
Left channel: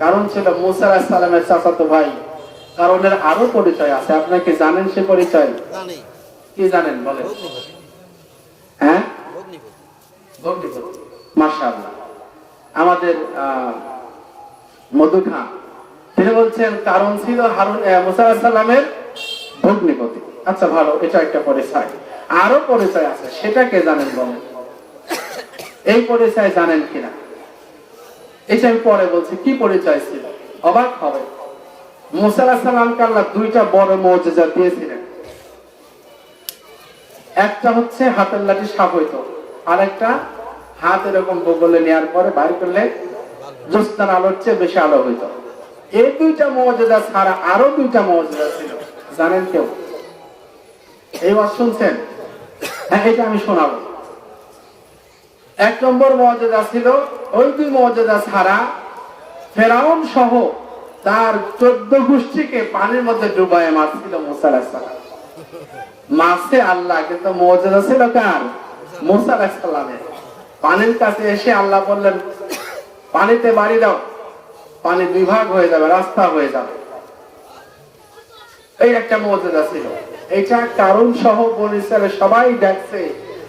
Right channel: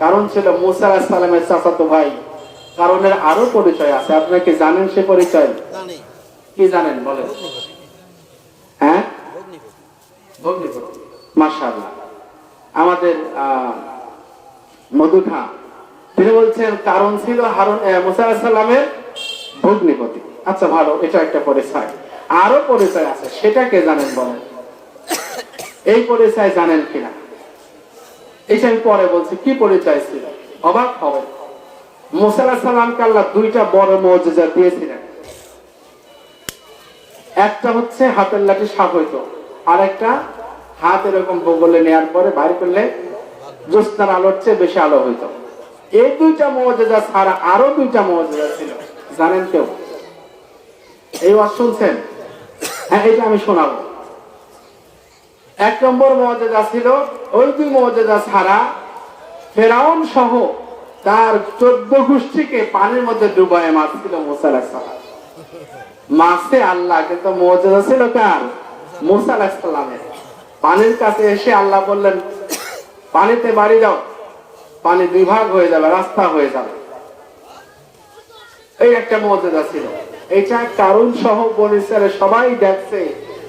কারুন ছিল মূসা আলাইহিস সালামের চাচাতো ভাই। কারুনের আরো পরিচয় আছে, আপনারা কি জানেন সে পরিচয়? কি জানেন বলেন? হ্যাঁ, ভগ্নিপতি। মাশাআল্লাহ। আমাদের মধু খান তিনি বলছেন কারুন ছিল মূসা আলাইহিস সালামের ভগ্নিপতি। আচ্ছা, ভালো, এটা একটা পরিচয়। আরো পরিচয় আছে, সেটা কে জানেন বলেন? এই পরিচয় জানেন কিনা? এটা আমি পরে বলছি কি পরিচয় ছিল, অবাক হবে। মূসা আলাইহিস সালামকে আল্লাহ দুইটা বড় মুজিজা দিয়েছিলেন। একটা হচ্ছে হাতের লাঠি সাপ হইতো, আর একটা হাত এরকম বগলে নেওয়ার পরে বাইর করলে জ্যোৎস্নার আলোর চেয়ে বেশি আলো হইতো। এই দুইটা মুজিজা ছাড়া আরো দুইটা মুজিজা ছিল, জানেন কেউ? এই ওয়াজ শুনছেন? হ্যাঁ, এটা আমি শোনাবো। এক নম্বর মুজিজা ছিল, ওই দুই মুজিজা ছাড়া ফেরাউন সহ তার 14 গোষ্ঠীকে পানির মধ্যে ডুবায় মারছিল মুসা আলাইহিস সালাম। মাসে আল্লাহ, কিন্তু মুজিজা ছিল কার? মুসা আলাইহিস সালামের। পানির কাছে এসে আল্লাহ বললেন, পানিতে বাড়ি দাও, পানি বিভাগ হয়ে যাবে, রাস্তা হয়ে যাবে। এই একটা মুজিজা ছিল। এটা কারণ সহ বনী ইসরাইলের সবাই দেখছে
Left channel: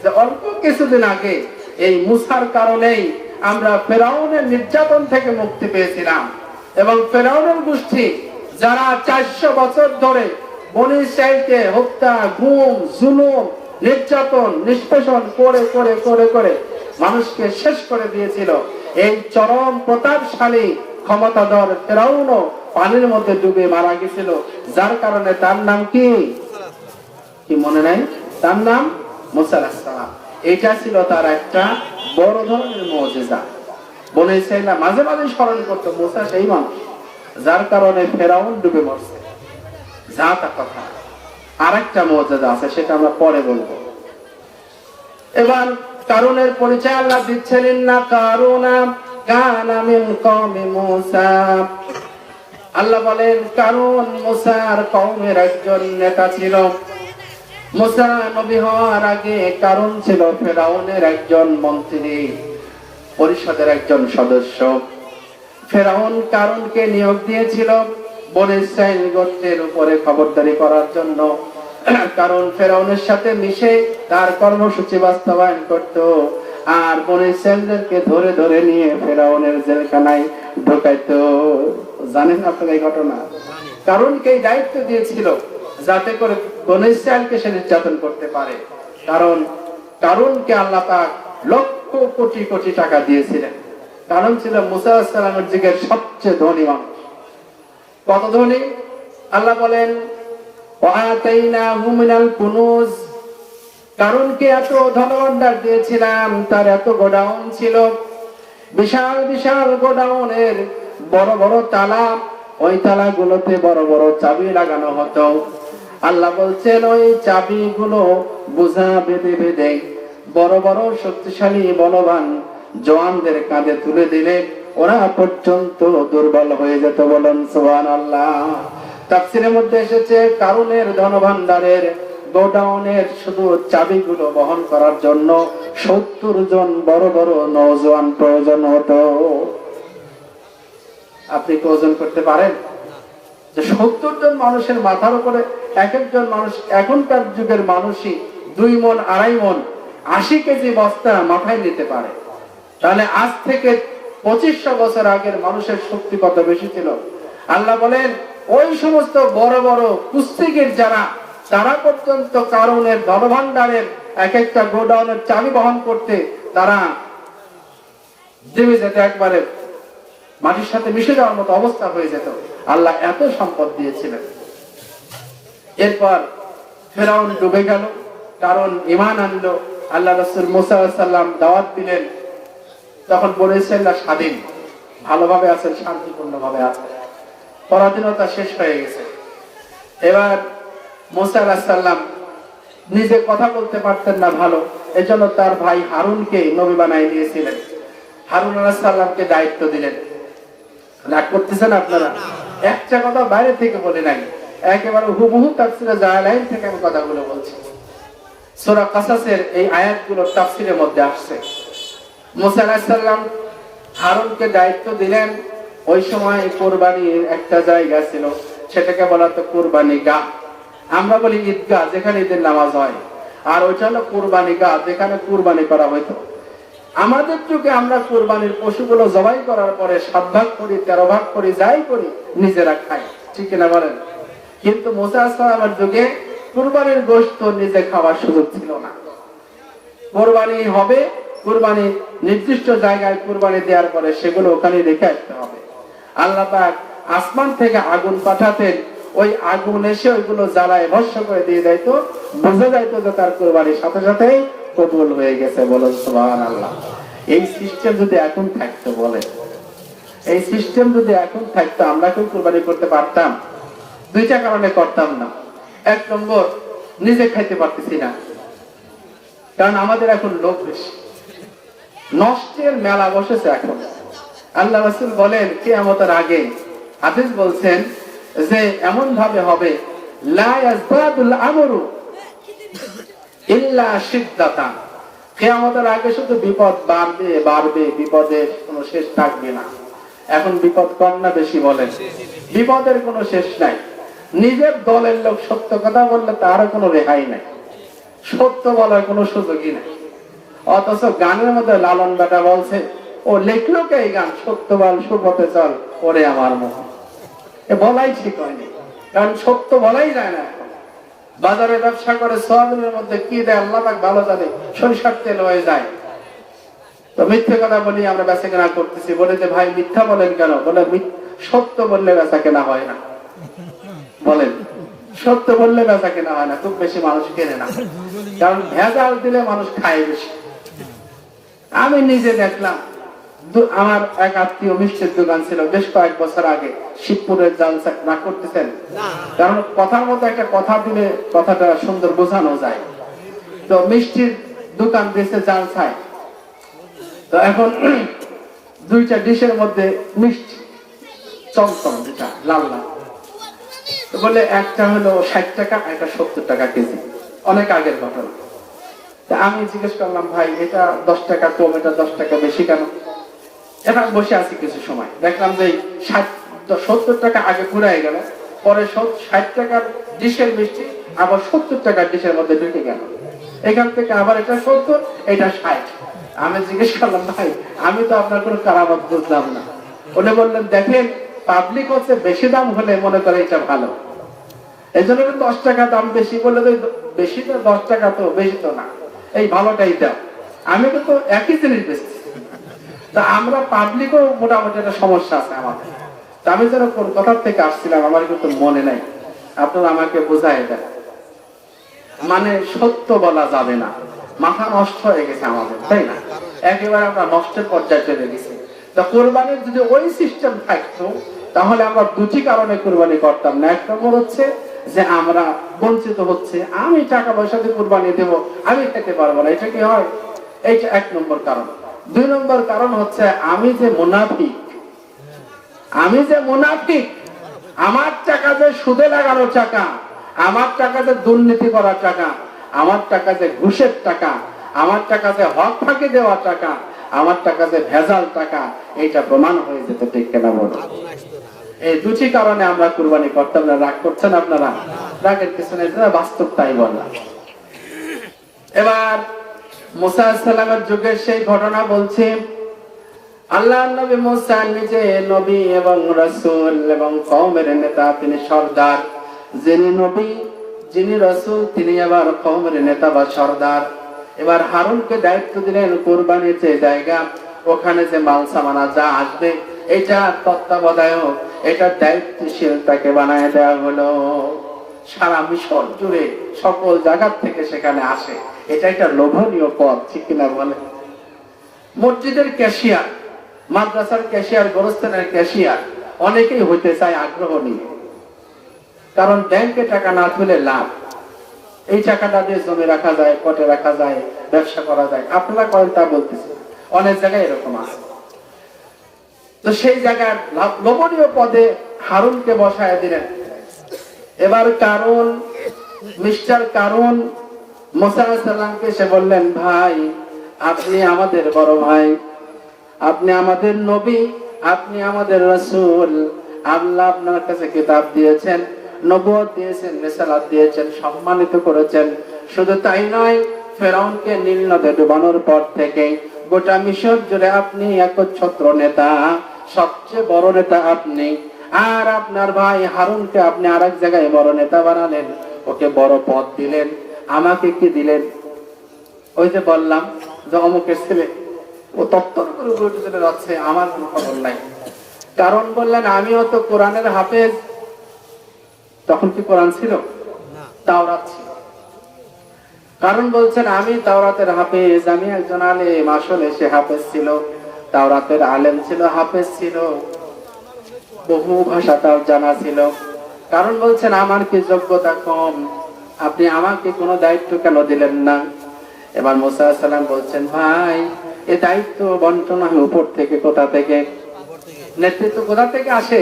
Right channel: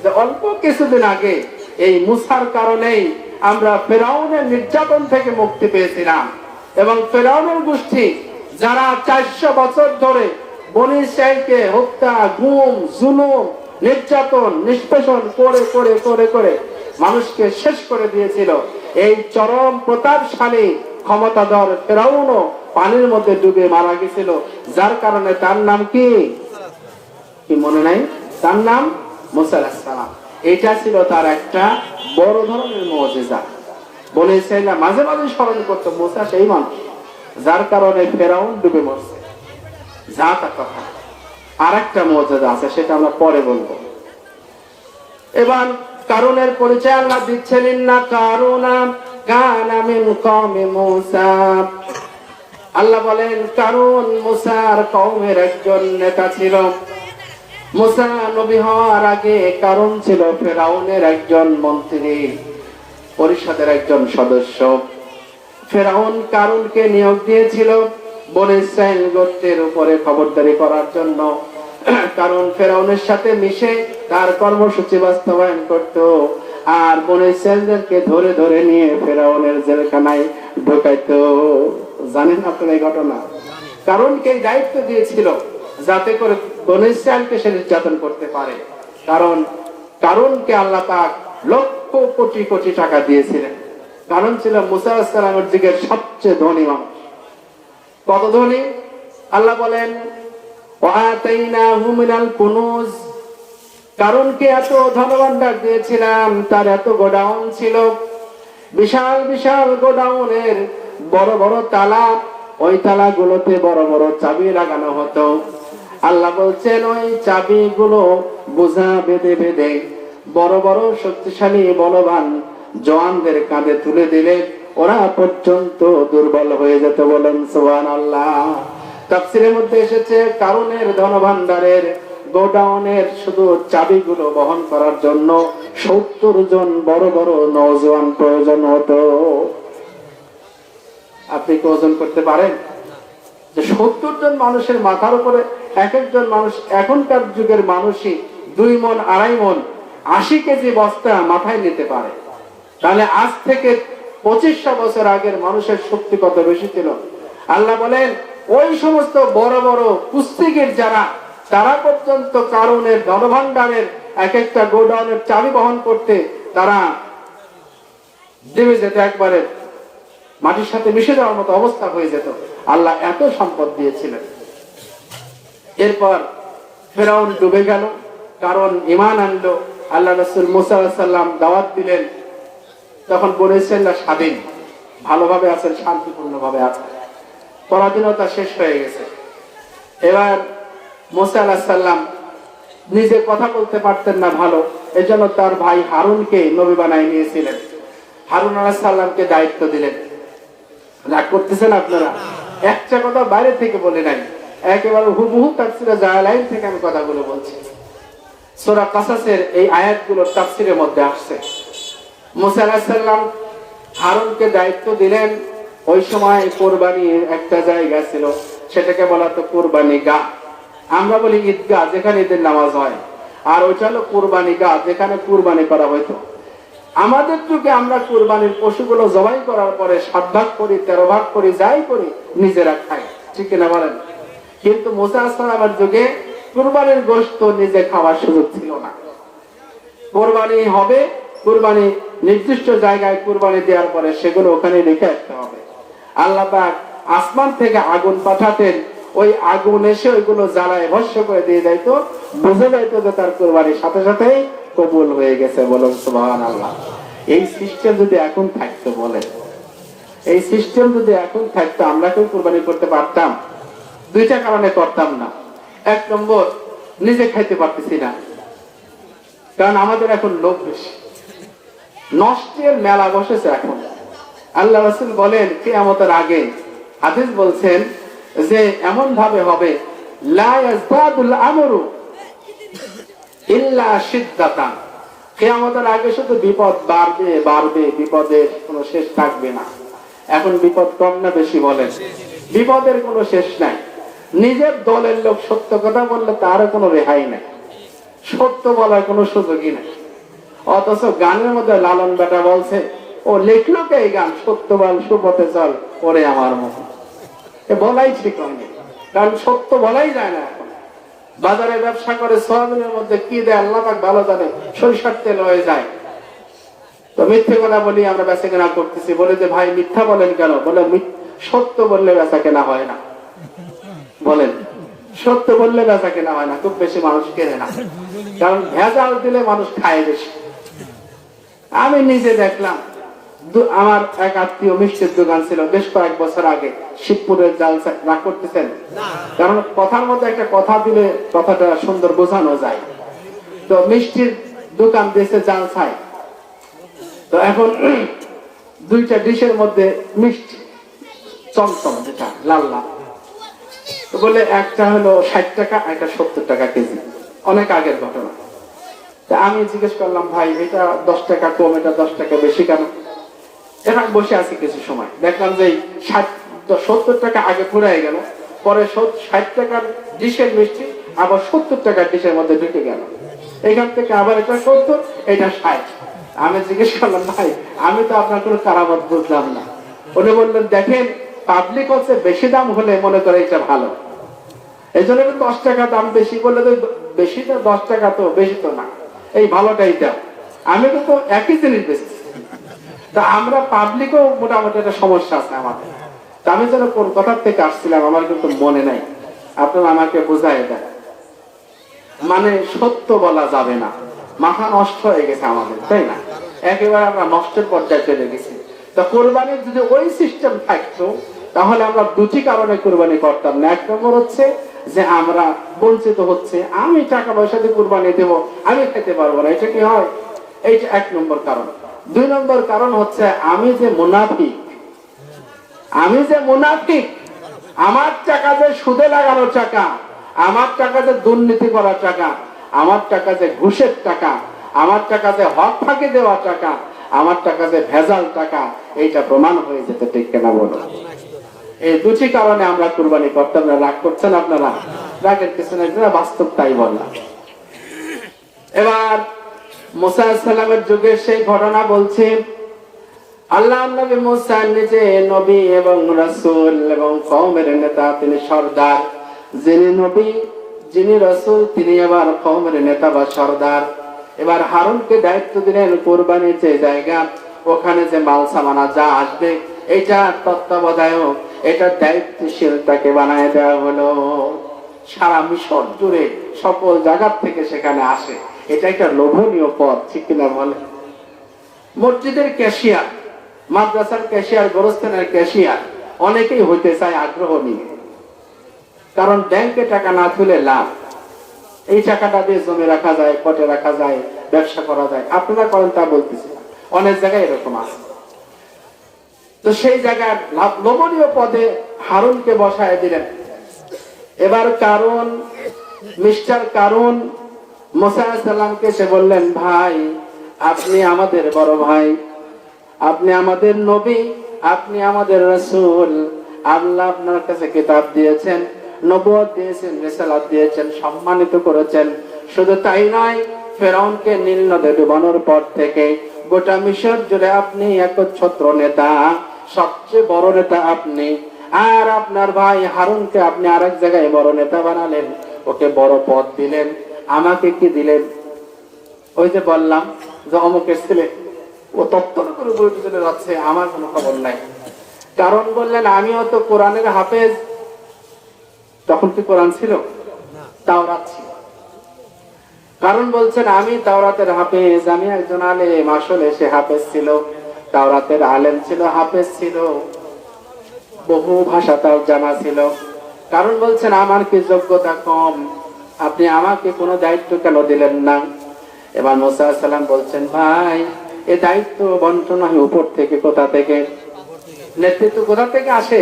যে অল্প কিছুদিন আগে এই মুসার কারণেই আমরা ফেরাউনের নির্যাতন থেকে মুক্তি পেয়েছিলাম। এবং ফেরাউনের গোষ্ঠী যারা 400 বছর ধরে বনী ইসরাইলকে হত্যা, গুম, জুলুম, নির্যাতন, নিষ্পেষণ করে করে করে করে মানুষকে শেষ করে দিয়েছিল, এই চরম প্রতাপশালী ক্ষমতাধর ফেরাউনও পানির মধ্যে ডুবে মারা গেছিল। যার কারণে তার নাম কি মনে নাই? তার নাম মুসা আলাইহিস সালাম। এটা ছিল তার একটা বড় ধরনের মুজিজা। বনী ইসরাইলরা মাঝে মাঝে স্মরণ করতো মুসা সেই মানুষ যার কারণে ফেরাউন ডুবে মরছে। যা তার কথা। আর একটা মুজিজা আছে, সেটা আমরা পরে বলবো। এবার কারুনের পরিচয় আল্লাহ দিচ্ছেন, ইন্না কারুনা কানা মিন কওমি মুসা। আল্লাহ বলেন কারুন মুসার কওমের একজন নেতা ছিল। মুসা নবী হওয়ার আগে কারুন ছিল ফেরাউনের একজন মন্ত্রী, পরিষদের একজন সদস্য। ফেরাউন কারুনকে নিয়োগ দিয়েছিল বনী ইসরাইল গোত্রের উপরে খবরদারি করার জন্য। কারণ ফেরাউনের সাথে মিশে তার কর্মসূচি বাস্তবায়ন করত, আর বনী ইসরাইলদেরকে ধরে ধরে নিয়ে ফেরাউনের জেলখানায় ঢোকাইতো। জানেন আপনারা এই ঘটনা? কারুনকে দায়িত্ব দিয়েছিল যাতে করে বনী ইসরাইলকে সে নির্যাতন করতে পারে। কারণ কারুনকে আল্লাহ পাক লক্ষ কোটি কোটি টাকা দিয়েছিলেন। কারণ ছিল মুসা আলাইহিস সালামের যুগের সবচেয়ে ধনী মানুষ। কত ধনী? আল্লাহ বলেন ওয়াতাইনাহু মিনাল কুনুজ। কারুনকে এত ধনভাণ্ডার দিয়েছিলাম, তার এত গোডাউন ছিল, বিশাল বিশাল গোডাউনের বড় বড় তালা, ওই তালাগুলোতে বড় বড় চাবি লাগানো হতো। আল্লাহ বলছেন ওই চাবিগুলো বোঝা বেঁধে বেঁধে বড় বড় শক্তিশালী বলবান জওয়ানদের কাঁধে তুলে দিলে ওরা পর্যন্ত দুর্বল হয়ে যেত। বলুন সুবহানাল্লাহ। তাফসীরের মধ্যে এসেছে কারুনের ধনভাণ্ডারের গোডাউনের শুধু চাবিগুলো বহন করার জন্য 70 জন বড় বড় নওজোয়ান প্রয়োজন হতো। আপনি কি ওজন করতে পারেন যে 70 জন মানুষের মাথার উপরে এক একজন মানুষ? এখনকার যুগের মানুষই 2 মণ 2.5 মণ 80 কেজি বস্তা মাথায় নিতে পারে। তাহলে আজ থেকে 2500 বছর আগের মানুষের শক্তি কত বেশি ছিল। আল্লাহ বলেন ওই সমস্ত বড় বড় কুস্তিগির যারা, তারা পর্যন্ত কারণের ধনভাণ্ডারের এক একটা গোডাউনের চাবি বহন করতে তারা দেবে যেতে, একবারে মাটির সাথে মিশে যাওয়ার মতো অবস্থা হয়ে যেত। আল্লাহ এত সম্পদ দিয়েছিলেন। এরপর ফেরাউন ডুবে গেল, কারণ ঈমান আনলো। আল্লাহ রাসূল মুসা আলাইহিস সালাম দাওয়াত দিলেন। তখন বনী ইসরাইলরা স্বাধীন, ভালোভাবে আছে, শান্তিপূর্ণ ভাবে আছে, পরাধীনতা শেষ হয়ে গেছে। এবার মুসা আলাইহিস সালাম নিজে কথা বলতে পারতেন না ভালো, এজন্য তার ভাই হারুনকে নবী বানায় নিয়েছিলেন। হারুন আলাইহিস সালামকে দায়িত্ব দিলেন। রাগ করতেছেন আপনারা? একটা কথা বাইরে থেকে বলে নাই, একেবারে হুবহু তাফসীরে জালালাইন থেকে আমি কথাগুলো বলছি। সূরা কাসাসের এই আয়াতগুলো তাফসীরের মধ্যে আসছে। মুসা আলাইহিস সালাম হারুনকে দায়িত্ব দিলেন। ওই সময় কুরবানির একটা জায়গা ছিল, সেটাকে বলা হতো কুরবানি গাহ। আমরা বলি ঈদগাহ, যেখানে ঈদের নামাজ হয়, আর ওইটা হলো কুরবানি গাহ, যেখানে কুরবানি করা হইতো। আমাদের যুগে আমরা কুরবানির পশুগুলো জবাই করার পরে 7 ভাগ করি, 13 ভাগ করি, যাই করি নিজেরা খাই, ঠিক না বলেন? কিন্তু মুসা আলাইহিস সালামের যুগে কুরবানির গোশত নিজে খাওয়ার সুযোগ ছিল না। কুরবানি হবে, কুরবানি নির্দিষ্ট জায়গায় কুরবানি দেওয়ার পরে সেগুলো ওখানে রেখে আসতে হবে। আল্লাহ পাক আসমান থেকে আগুন পাঠাতেন, ওই আগুন এসে ওইগুলো জ্বালায় ভস্ম করে দিয়ে যাইতো। বোঝা যাইতো যে তার কুরবানির সাথে সাথেই কবুল হয়ে গেছে, বলুন সুবহানাল্লাহ। এই সিস্টেম যদি এখন থাকতো, বলে এই সিস্টেম যদি এখন থাকতো, আমরা কেউ কুরবানি করতে পারতাম? দুইটা কারণে করতাম না। এক নম্বর, নিজে খাইতে পারতেছি না, কারণ আমাদের এখন লোভ বেশি, নষ্টের মেলা বসেছে এখন। আল্লাহ রাসূল বলেন কিয়ামতের আগে হাদিস বলছেন যে এমন ভাবে হবে, লা ইয়াজদাদুল আমরু ইল্লা শিদ্দাতান, কিয়ামতের আগে শুধু বিপদ বাড়বে বাড়বে, বিপদের কোনো শেষ থাকবে না। এখন বিপদ কম না বেশি বলেন? বিপদের কোনো শেষ নাই। নিজের দলের লোক সত্য কথা বললে তারও কোনো রেহাই নাই, সত্য বলার কোনো সুযোগই নাই। অথচ গানের মধ্যে লালন বেটা বলছে, ও লিখলো কে এই গান, সত্য বল সুপথে চল ওরে আমার মুখ, এ বলাই ঠিক হয়নি, কারণ সত্য বলাই যায় না। এখন বাজারে ব্যবসা করে সোয়াবিনের মধ্যে কি দেয় আল্লাহ পাক ভালো জানে, সরিষার তেল হয়ে যায়। তো মিথ্যে কথা বলি আমরা বেচা কেনা করতেছি, বলে যে ভাই মিথ্যা বলেন কেন? বলে সত্য বললে বেচা কেনা হয় না। বলেন সত্য বললে বেচা কেনা হয় না, খুব বেশি মানুষ কেনে না, কারণ ভেজাল দিলে মানুষ খায় বেশি। আমি নিজে দেখলাম, আমার এক আত্মীয় মিষ্টির দোকান ছিল বেশ কয়েক বছর আগে, শিবপুরের জালসা না করতেছেন, কারণ কথার মধ্যে একটা কথা দিলে কথাটা সুন্দর বোঝানো যায়। তো মিষ্টির দোকান দিয়েছে জালসায়, তো এখন দুইটা ডিশের মধ্যে মিষ্টি চমচম, যেটা লাল লাল, তো বলে একটা হলো 60 টাকা, একটা 70 টাকা কেজি, অনেক আগের ঘটনা। তা আমি জিজ্ঞেস করলাম, ভাই এটা 10 টাকা কম, এটা 10 টাকা বেশি কেন? এটা বসে আছি কিছু সময়, দেখলাম যে 70 টাকা আগে ফুরাই গেল, পরে 60 টাকার ডিশের মিষ্টি আবার 70 টাকার ডিশের মধ্যে ঢুকে গেল, এখান থেকে আবার এটা 70, এটা 60। আমি জিজ্ঞেস করলাম, ভাই আমি তো আপনার কোনো কারামত বুঝলাম না। বলে বললেন, দেখেন পাবলিক হচ্ছে বেশি দাম হলে মনে করে এটা ভালো, এই জন্য 10 টাকা দাম বেশি বললে, বেশি তো 10 টাকা তো বেশি তো না, এই ভালোটাই দাম। আমি কিন্তু একই জিনিস বেশি, তা আমরা পাবলিকও মোটামুটি একটা সমস্যা আছে আমাদের। তা আমি যেন কোন কথার থেকে আসছিলাম আমার কিন্তু মনে নাই, আপনারা আমাকে বোঝাই দেন। মানে সত্য বলা যাবে না, মাথা নষ্ট হয়ে গেছে আমাদের, তাই না? একেবারে আমরা নষ্টের পর্যায়ে চলে গেছি। তা কোরবানির যদি ওই সিস্টেম থাকতো, তাহলে আমরা দুটি কারণে কোরবানি করতাম না। এক নম্বর হচ্ছে যে আমরা বঞ্চিত হচ্ছে, আমি টাকা পয়সা দিয়ে কোরবানি দেবো, আমি খেতে পারবো না, এটা কি হয়? এইটা এক নম্বর কারণ। দুই নম্বর কারণ হচ্ছে আমি যে মুনাফিক, আমার টাকা যে সুদে লাগানো টাকা, আমার টাকা যে দুর্নীতি করা টাকা, আমার টাকা যে ঘুষের টাকা, আমার টাকা যে হক ফাঁকি দেওয়া টাকা, আমার টাকা যে ভেজাল টাকা, এইটা প্রমাণ হয়ে যেত, ঠিক কেনা বলো? এই দুটি কারণে আমরা কুরবানি করতাম না। রাগ করছেন আপনারা? রাগের পিছনে বাস্তব, তাই বললাম। এবার মুসা আলাইহিস সালামের যুগের সেই ঘটনা বলছি। আল্লাহ নবী মুসা নিজে নবী এবং রাসূল এবং কওমের নেতা, তিনি সরদার। যিনি নবী, যিনি রাসূল, তিনি আবার কওমের নেতা বা সরদার। এবার হারুনকে দায়িত্ব দিলেন কুরবানির যে জায়গা, ওখানে যে মাল সামানা যা আসবে, এটা তত্ত্বাবধায়ক, এটা দায়িত্বশীল তাকে বানায় দেওয়া হলো। সারা মিশর জুড়ে সকল জায়গা থেকে সেখানে আসে, এটা একটা লোভনীয় পদ, ঠিক কিনা বলে? মসজিদের ক্যাশিয়ার, মাদ্রাসার ক্যাশিয়ার, গোরস্থানের ক্যাশিয়ার, অনেকেই হইতে চায় আগ্রহ নিয়ে, কারণ ব্যাংকে টাকা না তুলে লাভ, এই টাকাটা দিয়ে জমি রাখা যায়, কোটে রাখা যায়, ব্যবসা করা যায়। আপনারা করেন তা বলতেছি না, অনেক জায়গায় এরকম আছে। তো সেই জায়গার লোভনীয় পদে হারুনকে বসায় দিলেন। এবার কারণ মিস্টার কারণ মুসা আলাইহিস সালামকে সে বললেন, ভাই আপনি আমাদের বড় ভাই, আপনি আমাদের নবী, আপনি আমাদের রাসূল, আল্লাহ আপনার কাছে কিতাব দিয়েছেন, নবুয়ত দিয়েছেন, রিসালাত দিয়েছেন, সম্মানিত করেছেন। শুধু তাই নয়, ফেরাউনকে নীল নদে ডুবানোর পর থেকে গোটা মিশর জুড়ে আপনি একচ্ছত্র নেতা, সবচেয়ে বড় নেতা আপনি। আর আপনার ভাই হারুনকে আপনি আরেক জায়গায় বড় নেতা বানালেন, ওকে বড় পদ দিলেন। আমাকে কি দিলেন? ওই যে বললাম যে অমুকের ছেলে, ও তত্ত্বর করে বই চলে যাচ্ছে, আমার কোনো খবর নাই। কারণ বললেন, আমিও তো কোরআনের হাফেজ। তখন কি কোরআন ছিল? তাওরাত ছিল। কারণ বলছেন আমি তাওরাতের হাফেজ, আমি একজন আলেম। আসলে সে হাফেজ ছিল, তাওরাতের আলেম ছিল, হাফেজ ছিল, বহু ভাষা তার জানা ছিল। কারণ বলছেন আমার কি যোগ্যতা কম, আপনি আমাকে কোনো দায়িত্ব কেন দিলেন না? এবার মুসা আলাইহিস সালাম বলছেন, ভাই এই দায়িত্ব বন্টন হয় উপর থেকে। কোথা থেকে? নেতৃত্ব কোথা থেকে আসে?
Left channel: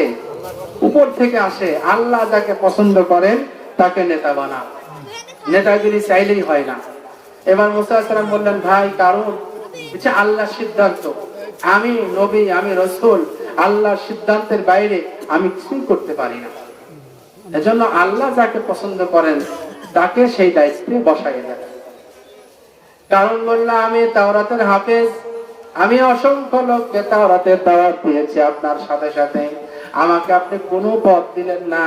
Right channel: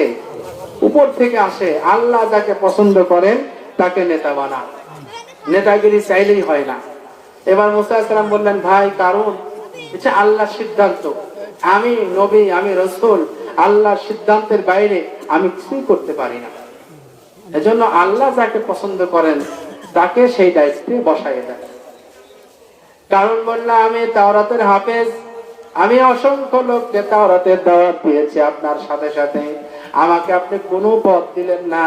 উপর থেকে আসে। আল্লাহ যাকে পছন্দ করেন তাকে নেতা বানান, নেতাগিরি চাইলেই হয় না। এবার মুসা আলাইহিস সালাম বললেন, ভাই কারণ এটা আল্লাহর সিদ্ধান্ত, আমি নবী, আমি রাসূল, আল্লাহর সিদ্ধান্তের বাইরে আমি কিছুই করতে পারি না। এজন্য আল্লাহ যাকে পছন্দ করেন তাকে সেই দায়িত্বে বসায় দেন। কারণ বললাম আমি তাওরাতের হাফেজ, আমি অসংখ্য লোককে তাওরাতের দাওয়াত দিয়েছি আপনার সাথে সাথে, আমাকে আপনি কোনো পদ দিলেন না,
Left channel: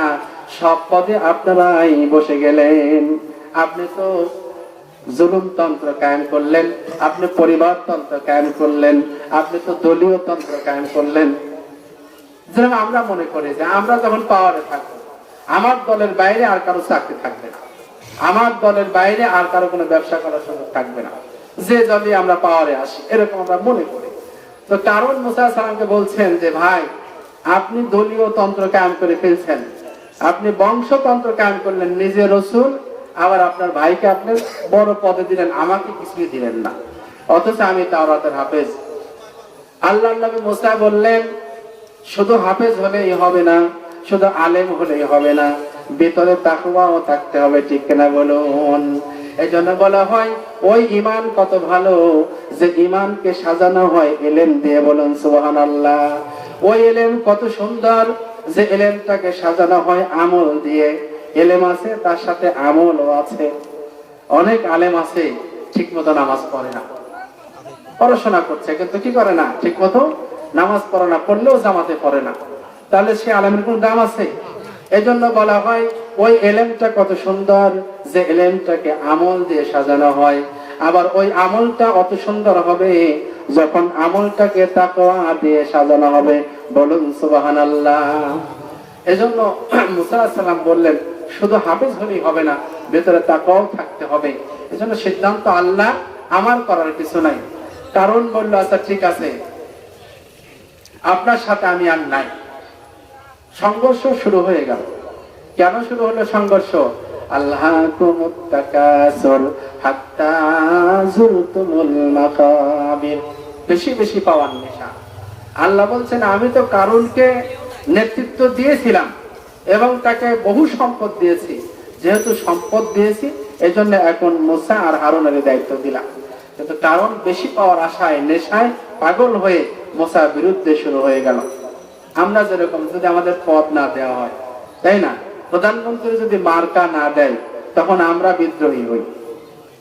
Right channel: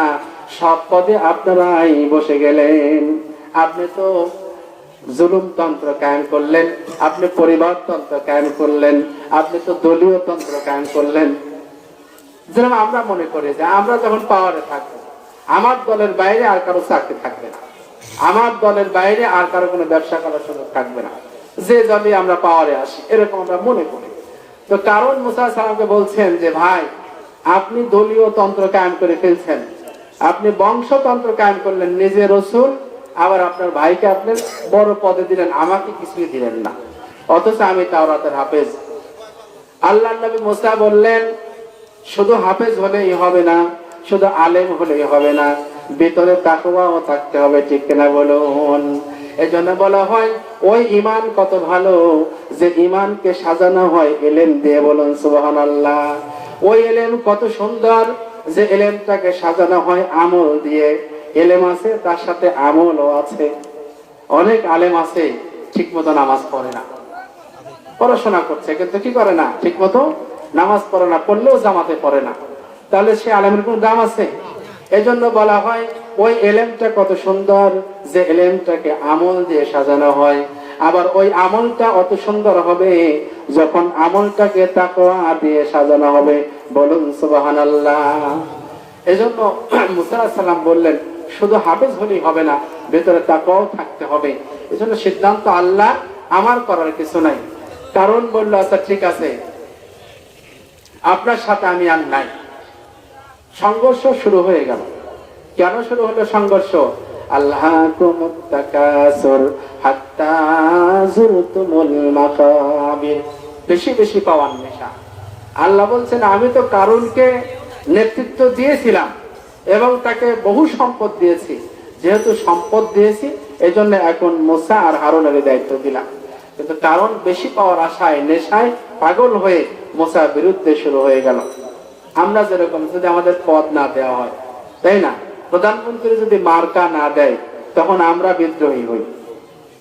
সব পদে আপনারাই বসে গেলেন। আপনি তো জুলুমতন্ত্র কায়েম করলেন, আপনি পরিবারতন্ত্র কায়েম করলেন, আপনি তো দলীয় তন্ত্র কায়েম করলেন। যেরকম আমরা মনে করি যে আমরা যখন পাওয়ারে থাকবো, আমার দলের বাইরে আর কারো চাকরি থাকবে না, আমার দলের বাইরে আর কারো কোনো ব্যবসা করার সুযোগ থাকবে না, যে যাবে আমরা পাওয়ারে আসি, এরকম আমরা মনে করি। তো কারণ মুসা আলাইহিস সালামকে বলছেন যে ভাই আপনি দলীয় তন্ত্র কায়েম করে ফেলছেন, আপনি বংশতন্ত্র কায়েম করলেন, নিজে রাসূল, আবার আপনার ভাইকে আপনি বড় পদে দিলেন, আমাকে কিছুই দিলেন না, অথচ আমি তাওরাতের হাফেজ। আল্লাহর নবী মুসা বললেন, শুধু হাফেজ হলেই হবে না, শুধু আলেম হলেই হবে না, ভিতরে তাকওয়াও থাকতে হবে, ঠিক কিনা বলুন? এই জন্য বলা হয় ওই ঈমান কত ভালো যে ঈমানকে সাজানো হয় ইলম দিয়ে, বলুন সুবহানাল্লাহ। ওই ইলম কত সুন্দর যে ইলমটাকে সাজানো হয় আমল দিয়ে। ইলম আছে তার সাথে আমলও আছে। অনেক আলেম আছে ঠিক মতো নামাজ পড়ে না, পড়াশোনা করছে কিন্তু কি করে না, ঠিক মতো নামাজ পড়ে না, পড়লেও জামাতে পড়ে না, তাহলে সে আলেমের কোন দাম আছে? এজন্য বলা হয় ওই ইলমটা কত সুন্দর যে ইলমটাকে আমল দিয়ে সাজানো হয়। আবার ওই আমলটা অত সুন্দর হবে যখন আমলটাকে তাকওয়া দিয়ে সাজানো হবে, বলুন সুবহানাল্লাহ। এজন্য মুসা আলাইহিস সালাম বললেন শুধু হাফেজ হলেই হবে না, ভেতরে তাকওয়াও থাকতে হবে। এজন্য সিদ্ধান্ত আল্লাহ, আমার করার কিছু নাই। কারণ বলল আচ্ছা ঠিক আছে, আপনার সাথে আমি আর নাই। সংঘর্ষ শুরু হয়ে গেল। কেন শুরু হলো সংঘর্ষ? আল্লাহকুমুত তাকাসুর হাত্তা যুরতুমুল মাকাবির, বেশি বেশি পাওয়ার নেশা। আল্লাহ বলছেন আমি তো কারুনকে নেতৃত্ব দিয়েছিলাম এবং তাকে বহু সম্পদ দিয়েছি, যেহেতু সম্পদ দিয়েছি এজন্য এখন মুসা আর হারুনের দায়িত্ব দিলাম। কিন্তু কারণ বেশি পাওয়ার আশায় নেশায় পাগল হয়ে মুসার বিরুদ্ধে শুরু হয়ে গেল। আমরা যেরকম যদি আমাদের পদ না দেওয়া হয়, তাই না, প্রধানমন্ত্রী যদি মার্কা না দেয় তখন আমরা বিদ্রোহী হই,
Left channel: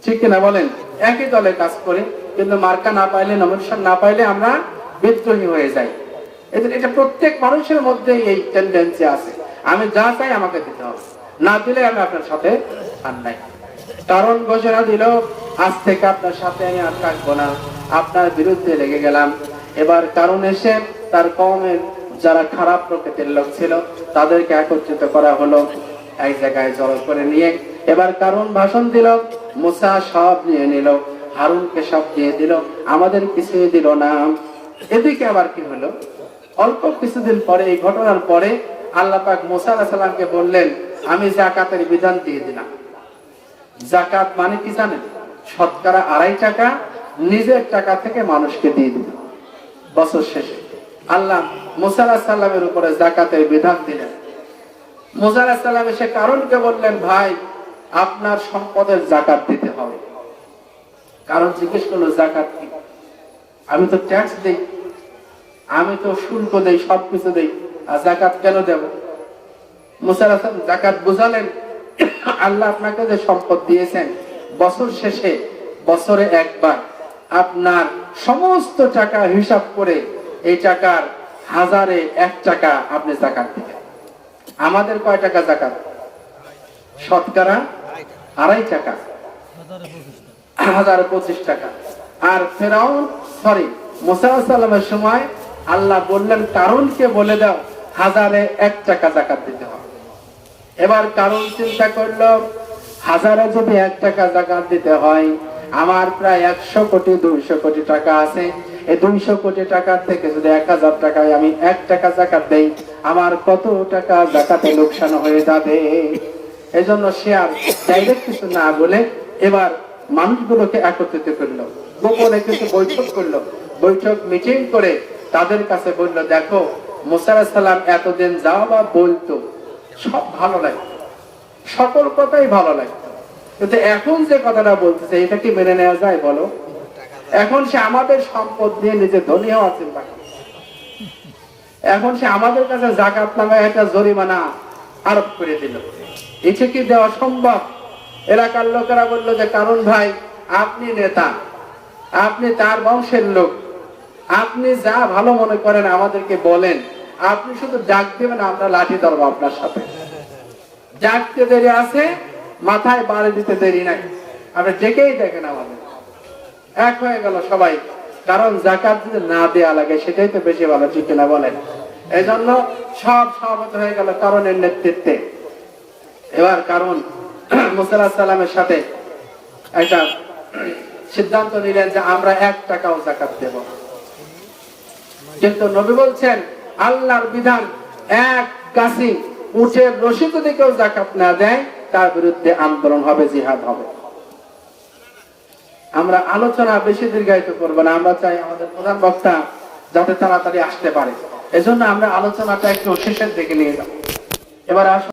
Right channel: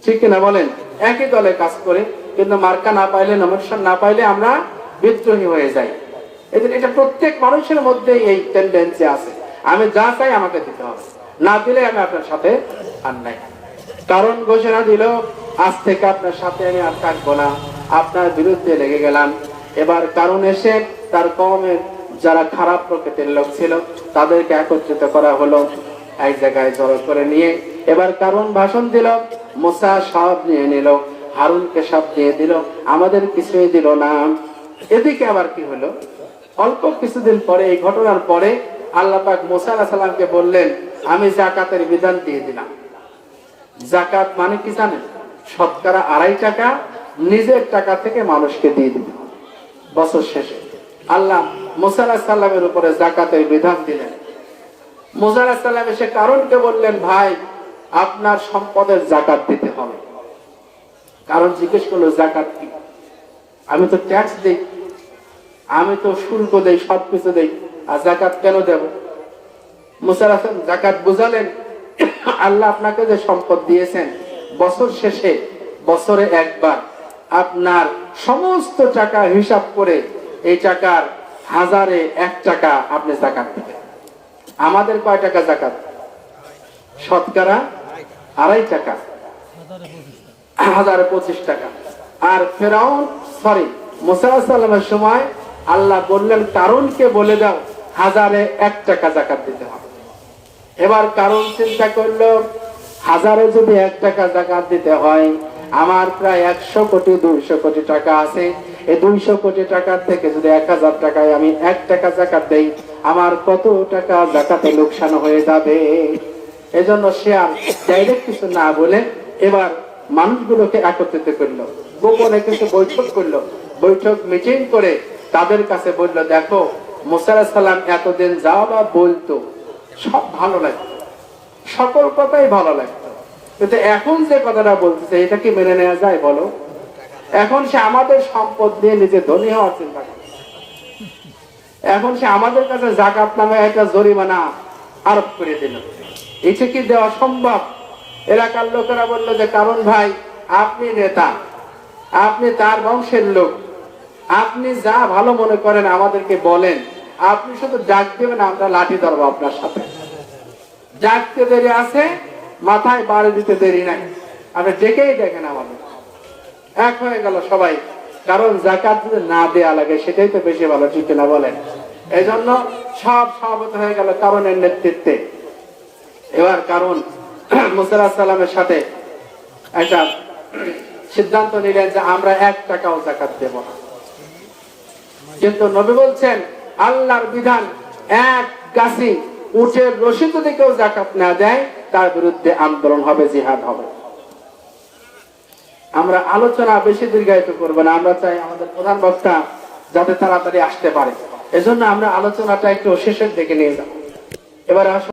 ঠিক কিনা বলেন? একই দলে কাজ করে কিন্তু মার্কা না পাইলে, নমিনেশন না পাইলে আমরা বিদ্রোহী হয়ে যাই। এটা প্রত্যেক মানুষের মধ্যে এই টেন্ডেন্সি আছে, আমি যা চাই আমাকে দিতে হবে, না দিলে আমি আপনার সাথে আর নাই। কারণ ঘোষণা দিল আজ থেকে আপনার সাথে আমি আর থাকবো না, আপনার বিরুদ্ধে লেগে গেলাম। এবার কারণ এসে তার কওমের যারা খারাপ প্রকৃতির লোক ছিল তাদেরকে একত্রিত করা হলো, এক জায়গায় জড়ো করে নিয়ে এবার কারণ ভাষণ দিল। মুসা সব নিয়ে নিল, হারুনকে সব দিয়ে দিল, আমাদের কিছুই দিল না। এদিকে আবার কি হলো, অল্প কিছুদিন পরে, এই ঘটনার পরে আল্লাহ পাক মুসা আলাইহিস সালামকে বললেন আমি যাকাতের বিধান দিয়ে দিলাম। যাকাত মানে কি জানেন? শতকরা 2.5 টাকা নিজের টাকা থেকে মানুষকে দিয়ে দিল। বছর শেষে আল্লাহ মুসা আলাইহিস সালামের উপরে যাকাতের বিধান দিলেন। মুসা আলাইহিস সালাম এসে কারণকে বললেন ভাই আপনার সম্পদের যাকাত দিতে হবে। কারণ জিজ্ঞেস করলো যাকাত কি? আমি তো ট্যাক্স দিই, আমি তো শুল্ক দেই, সবকিছু দেই, আর যাকাত কেন দেব? মুসা আলাইহিস সালাম যাকাত বুঝালেন আল্লাহ আপনাকে যে সম্পদ দিয়েছেন বছর শেষে বছরে একবার আপনার সমস্ত টাকা হিসাব করে এই টাকার 1000-এ 1 টাকা আপনি যাকাত দিবেন। আমাদের কয় টাকা যাকাত? শতকরা 2.5 টাকা, 1025 টাকা। আর ফেরাউন মুসা আলাইহিস সালামের সময় আল্লাহ বললেন কারণকে বলে দাও 1000-এ 1 টাকা যাকাত দিতে হবে। এবার কারণ চিন্তা করলো হাজারে যদি 1 টাকা যাকাত দিতে হয়, আমার প্রায় 100 কোটি 200 কোটি টাকা আছে। এই 200 কোটি টাকা থেকে যদি 1000 টাকায় আমি 1 টাকা যাকাত দেই, আমার কত টাকা যাকাতে লোকসান হয়ে যাবে। এজন্য সে আর ডাইরেক্ট কিছু না বলে এবার মানুষগুলোকে একত্রিত করলো, গোপনে কিছু বৈঠক করলো। বৈঠক মিটিং করে তাদের কাছে বলল, দেখো মুসা আলাইহিস সালাম এতদিন যা বা বলতো সব ভালো লাগতো, সকল কথাই ভালো লাগতো, কিন্তু এখন যে কথাটা বলতেছে এটা কি মেনে নেওয়া যায় বলো? এখন সে আমাদের সম্পদ দিয়ে নিজে ধনী হওয়ার চিন্তা করে। এখন সে আমাদের কাছে যাকাত নামে একটা জরিমানা আরোপ করে দিল। এটা কি দেওয়া সম্ভব? এলাকার লোকেরা বললো যে, কারণ ভাই আপনি নেতা, আপনি তার বংশের লোক, আপনি যা ভালো মনে করেন আমাদেরকে বলেন, আপনি শুধু ডাক দেবেন, আমরা লাঠি ধরবো আপনার সাথে। ডাকতে দেরি আছে, মাথায় বাড়ি দিতে দেরি নাই, আপনি ডেকেই দেখেন আমাদের। এক হয়ে গেল সবাই, কারণ যাকাত যদি না দেয়া লাগে সেটাই তো বেশি ভালো, ঠিক না বলেন? এই জন্য সব সহমত হয়ে গেল কারণের নেতৃত্বে। এবার কারণ মুসা আলাইহিস সালামের সাথে একটা সিদ্ধান্ত নিলেন যে আমরা 1 টাকাও যাকাত দেব না। কিন্তু নবী বলছেন আল্লাহর বিধান, 1 গাছি উটের রশি যদি কেউ যাকাত না দেয় তার বিরুদ্ধে আন্দোলন হবে, জিহাদ হবে। আমরা আলোচনা বেশি দীর্ঘায়িত করব না, আমরা চাই আমাদের প্রধান বক্তা যাতে তাড়াতাড়ি আসতে পারে। এজন্য আমরা আলোচনাটা একটু শেষের দিকে নিয়ে যাব। এবার আসুন।